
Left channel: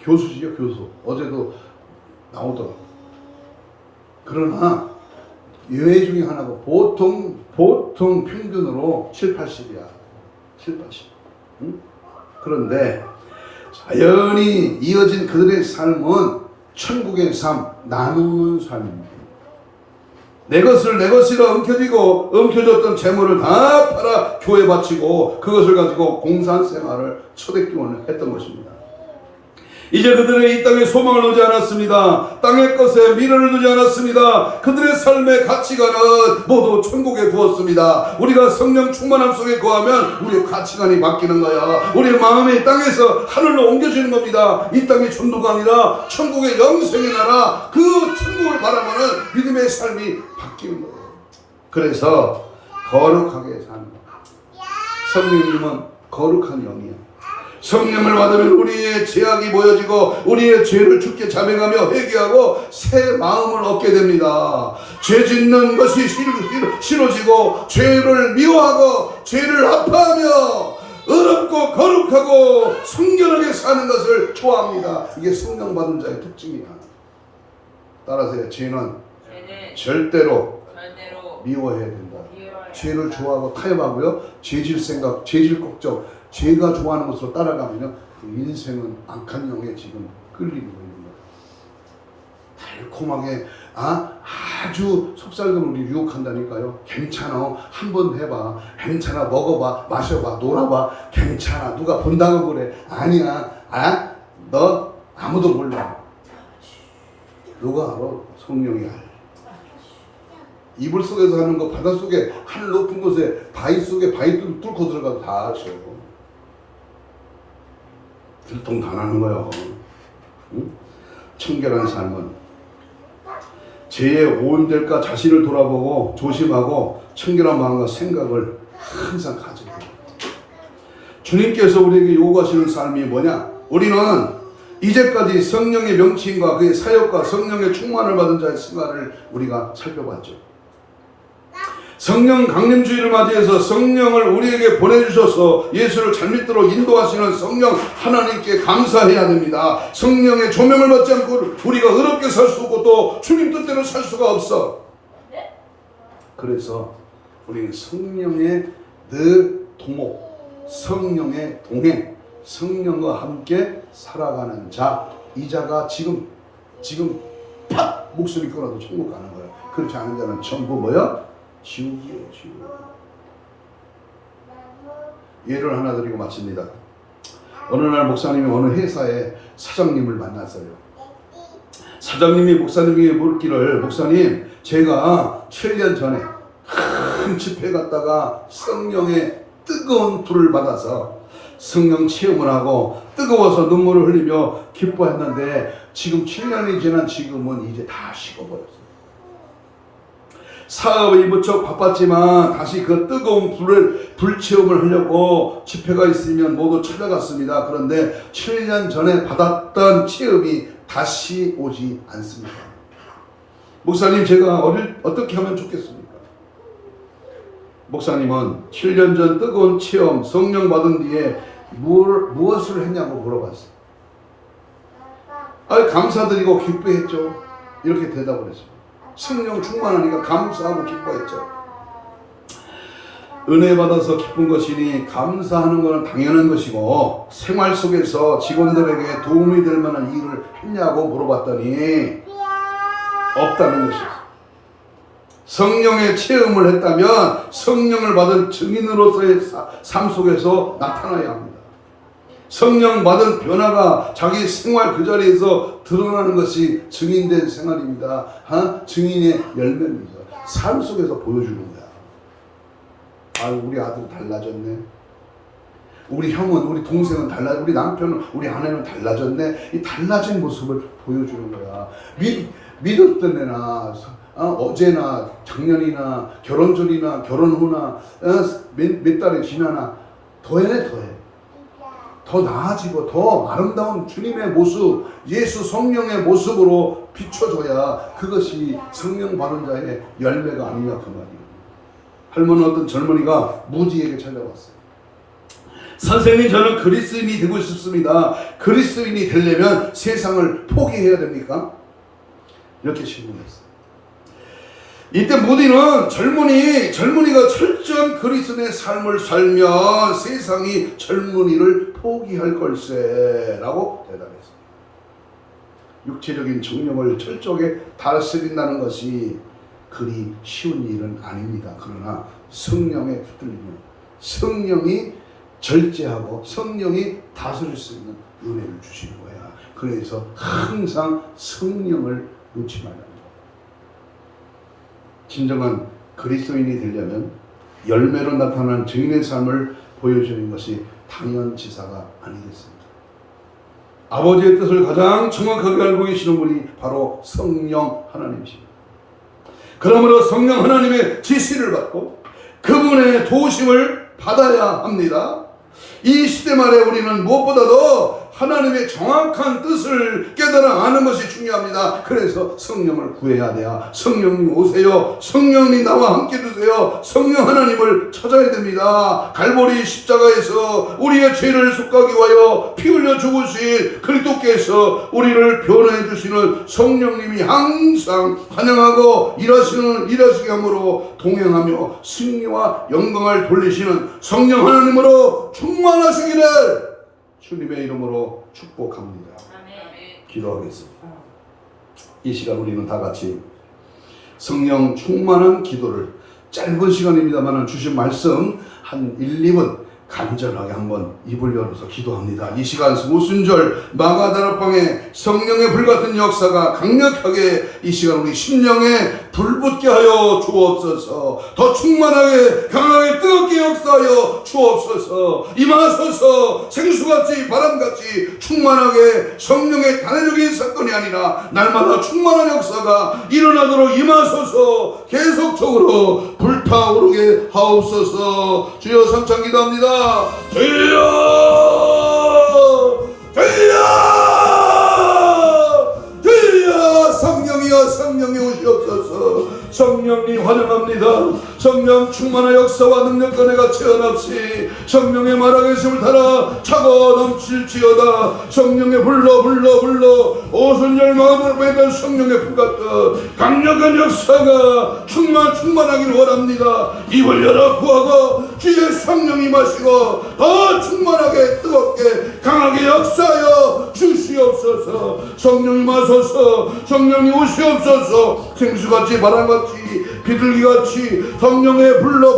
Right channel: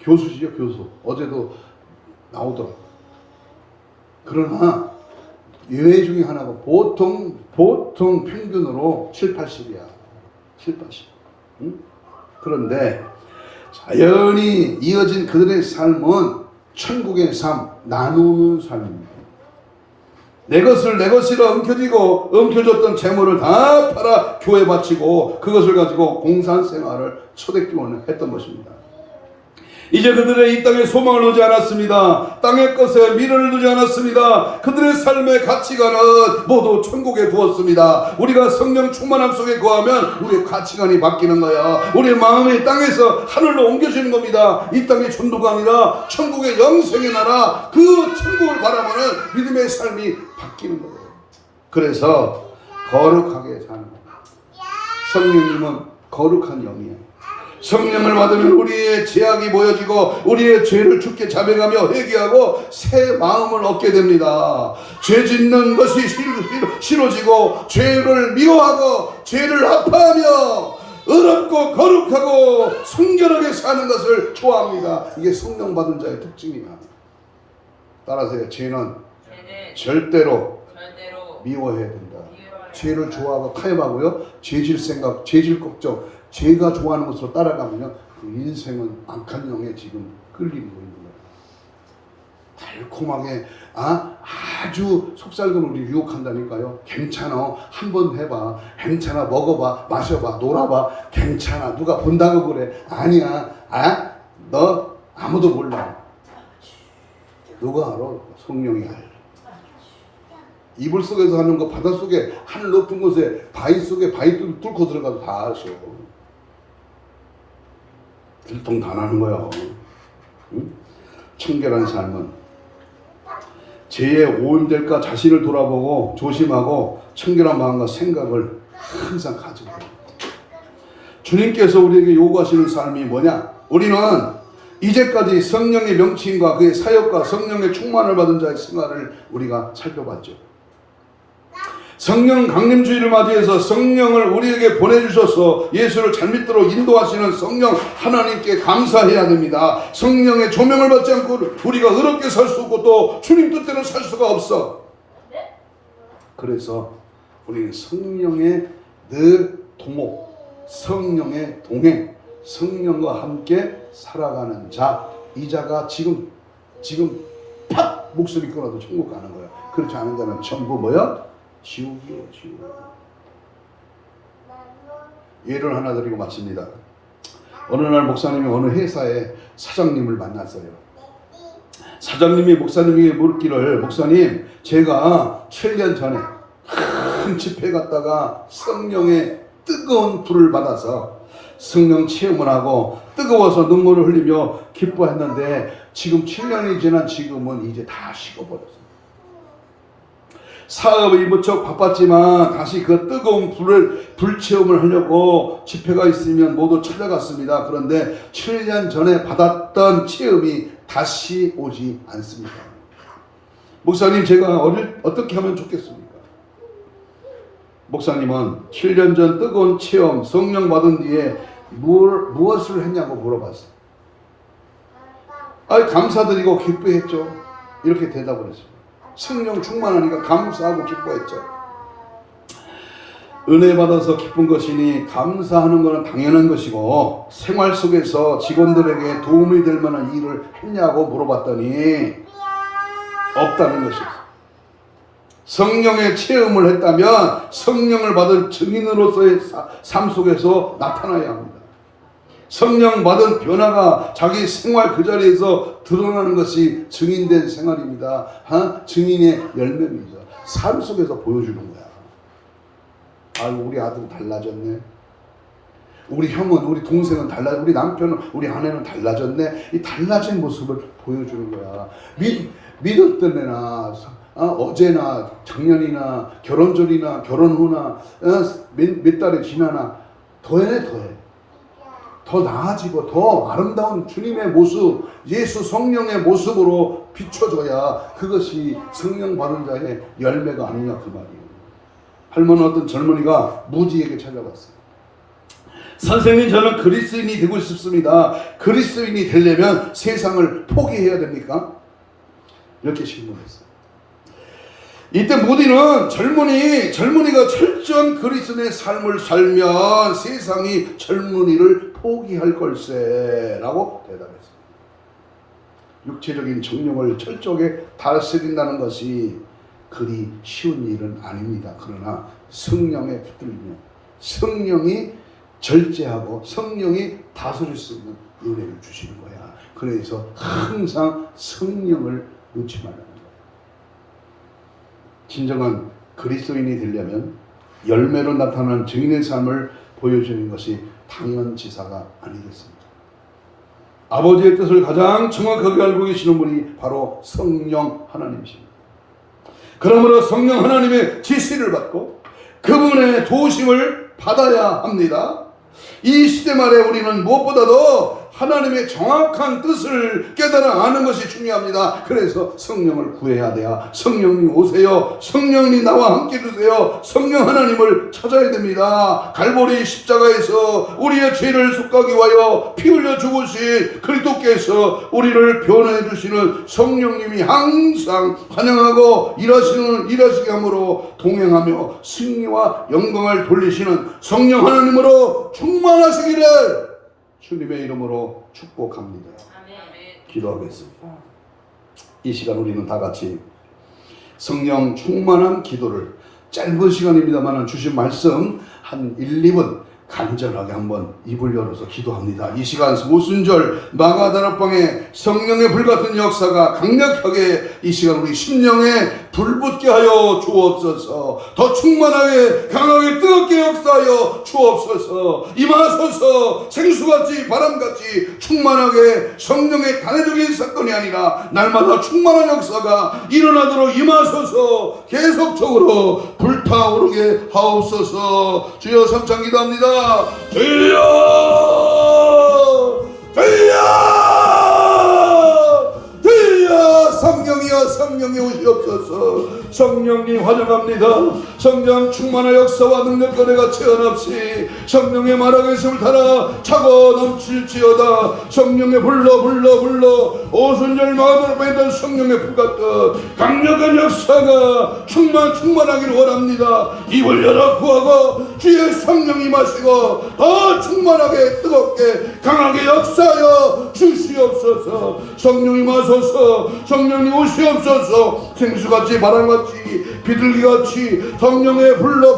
교수시죠, 교수. 어제도 나오더라. 그러나 예외 중에 하나고 보통 평균으로 7, 80이야. 7, 80. 응? 그런데 자연히 이어진 그들의 삶은 천국의 삶, 나누는 삶입니다. 내 것을 내 것이라 엉켜졌던 재물을 다 팔아 교회 바치고 그것을 가지고 공산생활을 초대교회는 했던 것입니다. 이제 그들은 이 땅에 소망을 두지 않았습니다. 땅의 것에 미련을 두지 않았습니다. 그들의 삶의 가치관은 모두 천국에 두었습니다. 우리가 성령 충만함 속에 거하면 우리의 가치관이 바뀌는 거야. 우리의 마음이 땅에서 하늘로 옮겨지는 겁니다. 이 땅이 천도가 아니라 천국의 영생의 나라, 그 천국을 바라보는 믿음의 삶이 바뀌는 거예요. 그래서 거룩하게 사는 거예요. 성령님은 거룩한 영이야. 성령을 받으면 우리의 죄악이 보여지고 우리의 죄를 주께 자백하며 회개하고 새 마음을 얻게 됩니다. 죄 짓는 것이 싫어지고 죄를 미워하고 죄를 아파하며 의롭고 거룩하고 순결하게 사는 것을 좋아합니다. 이게 성령 받은 자의 특징이야. 따라서 죄는 절대로 미워해야 된다. 죄를 좋아하고 타협하고요. 죄질 생각, 죄질 걱정, 죄가 좋아하는 것으로 따라가면요, 그 인생은 악한 영에 지금 끌리고 있는 거예요. 달콤하게 아주 속삭임을 유혹한다니까요. 괜찮아, 한번 해봐. 괜찮아, 먹어봐, 마셔봐, 놀아봐. 괜찮아, 누가 본다고 그래. 아니야, 너 아무도 몰라. 누가 알아? 성령이 알아. 이불 속에서 하는 거 바다 속에 하늘 높은 곳에 바위 속에 바위 뚫고 들어가도 다 아셔요. 들통 다 나는 거야. 응? 청결한 삶은 죄에 오염될까 자신을 돌아보고 조심하고 청결한 마음과 생각을 항상 가지고, 주님께서 우리에게 요구하시는 삶이 뭐냐? 우리는 이제까지 성령의 명칭과 그의 사역과 성령의 충만을 받은 자의 생활을 우리가 살펴봤죠. 성령 강림주의를 맞이해서 성령을 우리에게 보내주셔서 예수를 잘 믿도록 인도하시는 성령 하나님께 감사해야 됩니다. 성령의 조명을 받지 않고 우리가 의롭게 살 수 없고 또 주님 뜻대로 살 수가 없어. 그래서 우리는 성령의 늘 도목, 성령의 동행, 성령과 함께 살아가는 자, 이 자가 지금 팍 목소리 끊어도 천국 가는 거야. 그렇지 않은 자는 전부 뭐야? 지옥이에요, 지옥. 예를 하나 드리고 마칩니다. 어느 날 목사님이 어느 회사의 사장님을 만났어요. 사장님이 목사님에게 물기를, 목사님, 제가 7년 전에 큰 집회 갔다가 성령의 뜨거운 불을 받아서 성령 체험을 하고 뜨거워서 눈물을 흘리며 기뻐했는데 지금 7년이 지난 지금은 이제 다 식어버렸어요. 사업이 무척 바빴지만 다시 그 뜨거운 불 체험을 하려고 집회가 있으면 모두 찾아갔습니다. 그런데 7년 전에 받았던 체험이 다시 오지 않습니다. 목사님, 제가 어떻게 하면 좋겠습니까? 목사님은 7년 전 뜨거운 체험, 성령 받은 뒤에 무엇을 했냐고 물어봤어요. 감사드리고 기뻐했죠. 이렇게 대답을 했어요. 성령 충만하니까 감사하고 기뻐했죠. 은혜 받아서 기쁜 것이니 감사하는 것은 당연한 것이고 생활 속에서 직원들에게 도움이 될 만한 일을 했냐고 물어봤더니 없다는 것이었어요. 성령의 체험을 했다면 성령을 받은 증인으로서의 삶 속에서 나타나야 합니다. 성령 받은 변화가 자기 생활 그 자리에서 드러나는 것이 증인된 생활입니다. 증인의 열매입니다. 삶 속에서 보여주는 거야. 아유, 우리 아들 달라졌네. 우리 형은, 우리 동생은 달라, 우리 남편은, 우리 아내는 달라졌네. 이 달라진 모습을 보여주는 거야. 믿었던 애나 어제나 작년이나 결혼 전이나 결혼 후나 몇 달이 지나나 더해 더 나아지고 더 아름다운 주님의 모습, 예수 성령의 모습으로 비춰져야 그것이 성령 받은 자의 열매가 아니냐 그 말이에요. 할머니 어떤 젊은이가 무지에게 찾아왔어요. 선생님, 저는 그리스인이 되고 싶습니다. 그리스인이 되려면 세상을 포기해야 됩니까? 이렇게 질문했어요. 이때 무디는 젊은이가 철저한 그리스도의 삶을 살면 세상이 젊은이를 포기할 걸세 라고 대답했습니다. 육체적인 정욕을 철저하게 다스린다는 것이 그리 쉬운 일은 아닙니다. 그러나 성령에 붙들리면 성령이 절제하고 성령이 다스릴 수 있는 은혜를 주시는 거야. 그래서 항상 성령을 놓지 말라는 거야. 진정한 그리스도인이 되려면 열매로 나타나는 증인의 삶을 보여주는 것이 당연지사가 아니겠습니까? 아버지의 뜻을 가장 정확하게 알고 계시는 분이 바로 성령 하나님이십니다. 그러므로 성령 하나님의 지시를 받고 그분의 도우심을 받아야 합니다. 이 시대 말에 우리는 무엇보다도 하나님의 정확한 뜻을 깨달아 아는 것이 중요합니다. 그래서 성령을 구해야 돼요. 성령님 오세요. 성령님 나와 함께 두세요. 성령 하나님을 찾아야 됩니다. 갈보리 십자가에서 우리의 죄를 속하기 위하여 피 흘려 죽으신 그리스도께서 우리를 변호해 주시는 성령님이 항상 환영하고 일하시게 함으로 동행하며 승리와 영광을 돌리시는 성령 하나님으로 충만하시기를 주님의 이름으로 축복합니다. 기도하겠습니다. 이 시간 우리는 다 같이 성령 충만한 기도를 짧은 시간입니다만 주신 말씀 한 1, 2분 간절하게 한번 입을 열어서 기도합니다. 이 시간 모순절 마가다락방에 성령의 불같은 역사가 강력하게 이 시간 우리 심령에 불붙게 하여 주옵소서. 더 충만하게 강하게 뜨겁게 역사하여 주옵소서. 임하소서. 생수같이 바람같이 충만하게 성령의 단회적인 사건이 아니라 날마다 충만한 역사가 일어나도록 임하소서. 계속적으로 불타오르게 하옵소서. 주여 삼창 기도합니다. 주여 성령이여 성령이 오시옵소서. 성령님 환영합니다. 성령 충만한 역사와 능력과 내가 체험없이 성령의 말하계심을 따라 차고 넘칠지어다. 성령의 불러 오순절 마음으로 있던 성령의 불같은 강력한 역사가 충만하기를 원합니다. 입을 열어 구하고 주의 성령이 마시고 더 충만하게 뜨겁게 강하게 역사하여 주시옵소서. 성령이 마소서. 성령이 오시옵소서. 생수같이 바람같이 비둘기같이 성령의 불러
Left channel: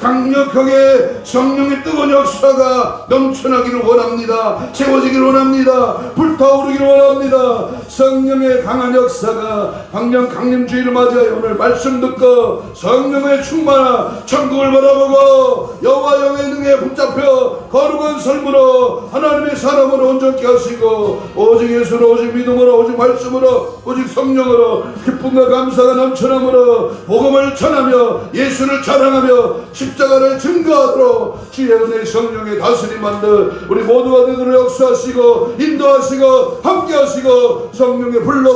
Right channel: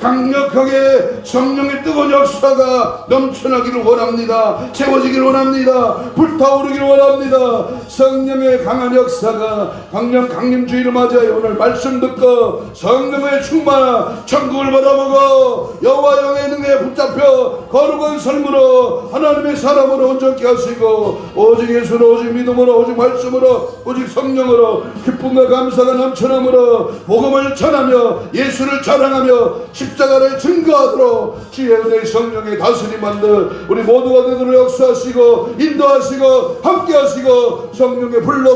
강력하게 성령의 뜨거운 역사가 넘쳐나기를 원합니다. 채워지기를 원합니다. 불타오르기를 원합니다. 성령의 강한 역사가 강령 강림주의를 맞이하여 오늘 말씀 듣고 성령의 충만 천국을 바라보고 여호와 영의 능에 붙잡혀 거룩한 삶으로 하나님의 사람으로 온전케 하시고 오직 예수로 오직 믿음으로 오직 말씀으로 오직 성령으로 기쁨과 감사가 넘쳐남으로 복음을 전하며 예수를 자랑하며 십자가를 증거하도록 주의 은혜 성령의 다스림 만들 우리 모두가 되도록 역사하시고 인도하시고 함께하시고 성령의 불러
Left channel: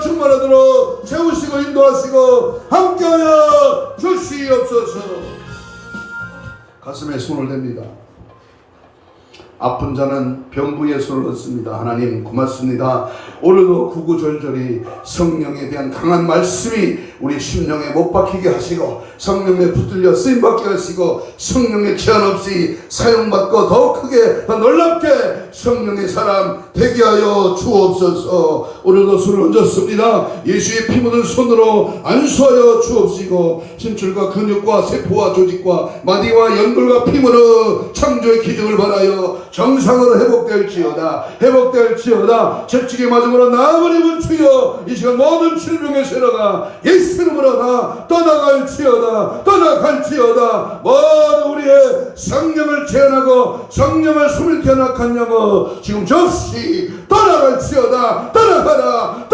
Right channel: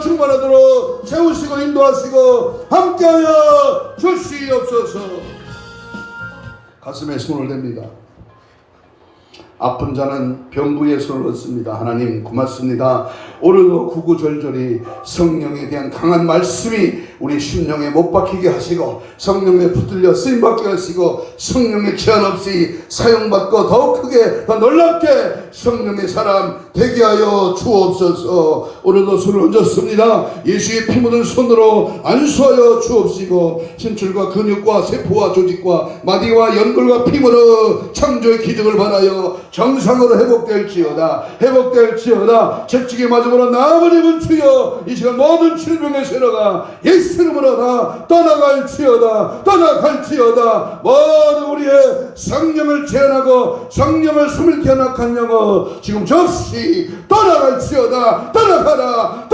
충만하도록 채우시고 인도하시고 함께하여 주시옵소서. 가슴에 손을 댑니다. 아픈 자는 병부의 손을 얻습니다. 하나님 고맙습니다. 오늘도 구구절절히 성령에 대한 강한 말씀이 우리 심령에 못 박히게 하시고 성령에 붙들려 쓰임받게 하시고 성령의 제한 없이 사용받고 더 크게 더 놀랍게 성령의 사람 되게 하여 주옵소서. 오늘도 손을 얹었습니다. 예수의 피 묻은 손으로 안수하여 주옵시고 심줄과 근육과 세포와 조직과 마디와 연골과 피부로 창조의 기적을 바라여 정상으로 회복될지어다. 채찍에 맞음으로 나아버리면 주여 이 시간 모든 질병의 세로가 예수 이름으로 다 떠나갈지어다. 모든 우리의 성령을 제한하고 성령을 숨을게 하나간 영어 지금 접시 떠나갈지어다. 따라가라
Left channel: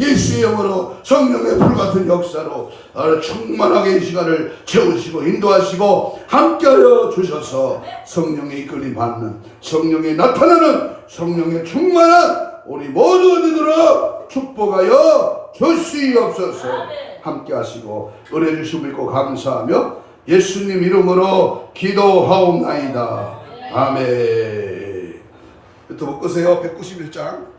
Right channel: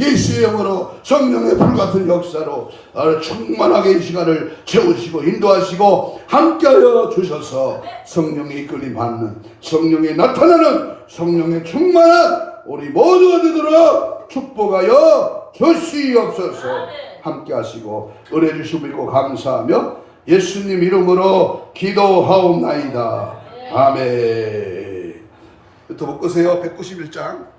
예수의 영으로 성령의 불같은 역사로 나를 충만하게 이 시간을 채우시고 인도하시고 함께하여 주셔서 성령의 이끌림 받는 성령의 나타나는 성령의 충만한 우리 모두가 되도록 축복하여 주시옵소서. 함께하시고 은혜 주시고 믿고 감사하며 예수님 이름으로 기도하옵나이다. 아멘. 또 못 끄세요. 191장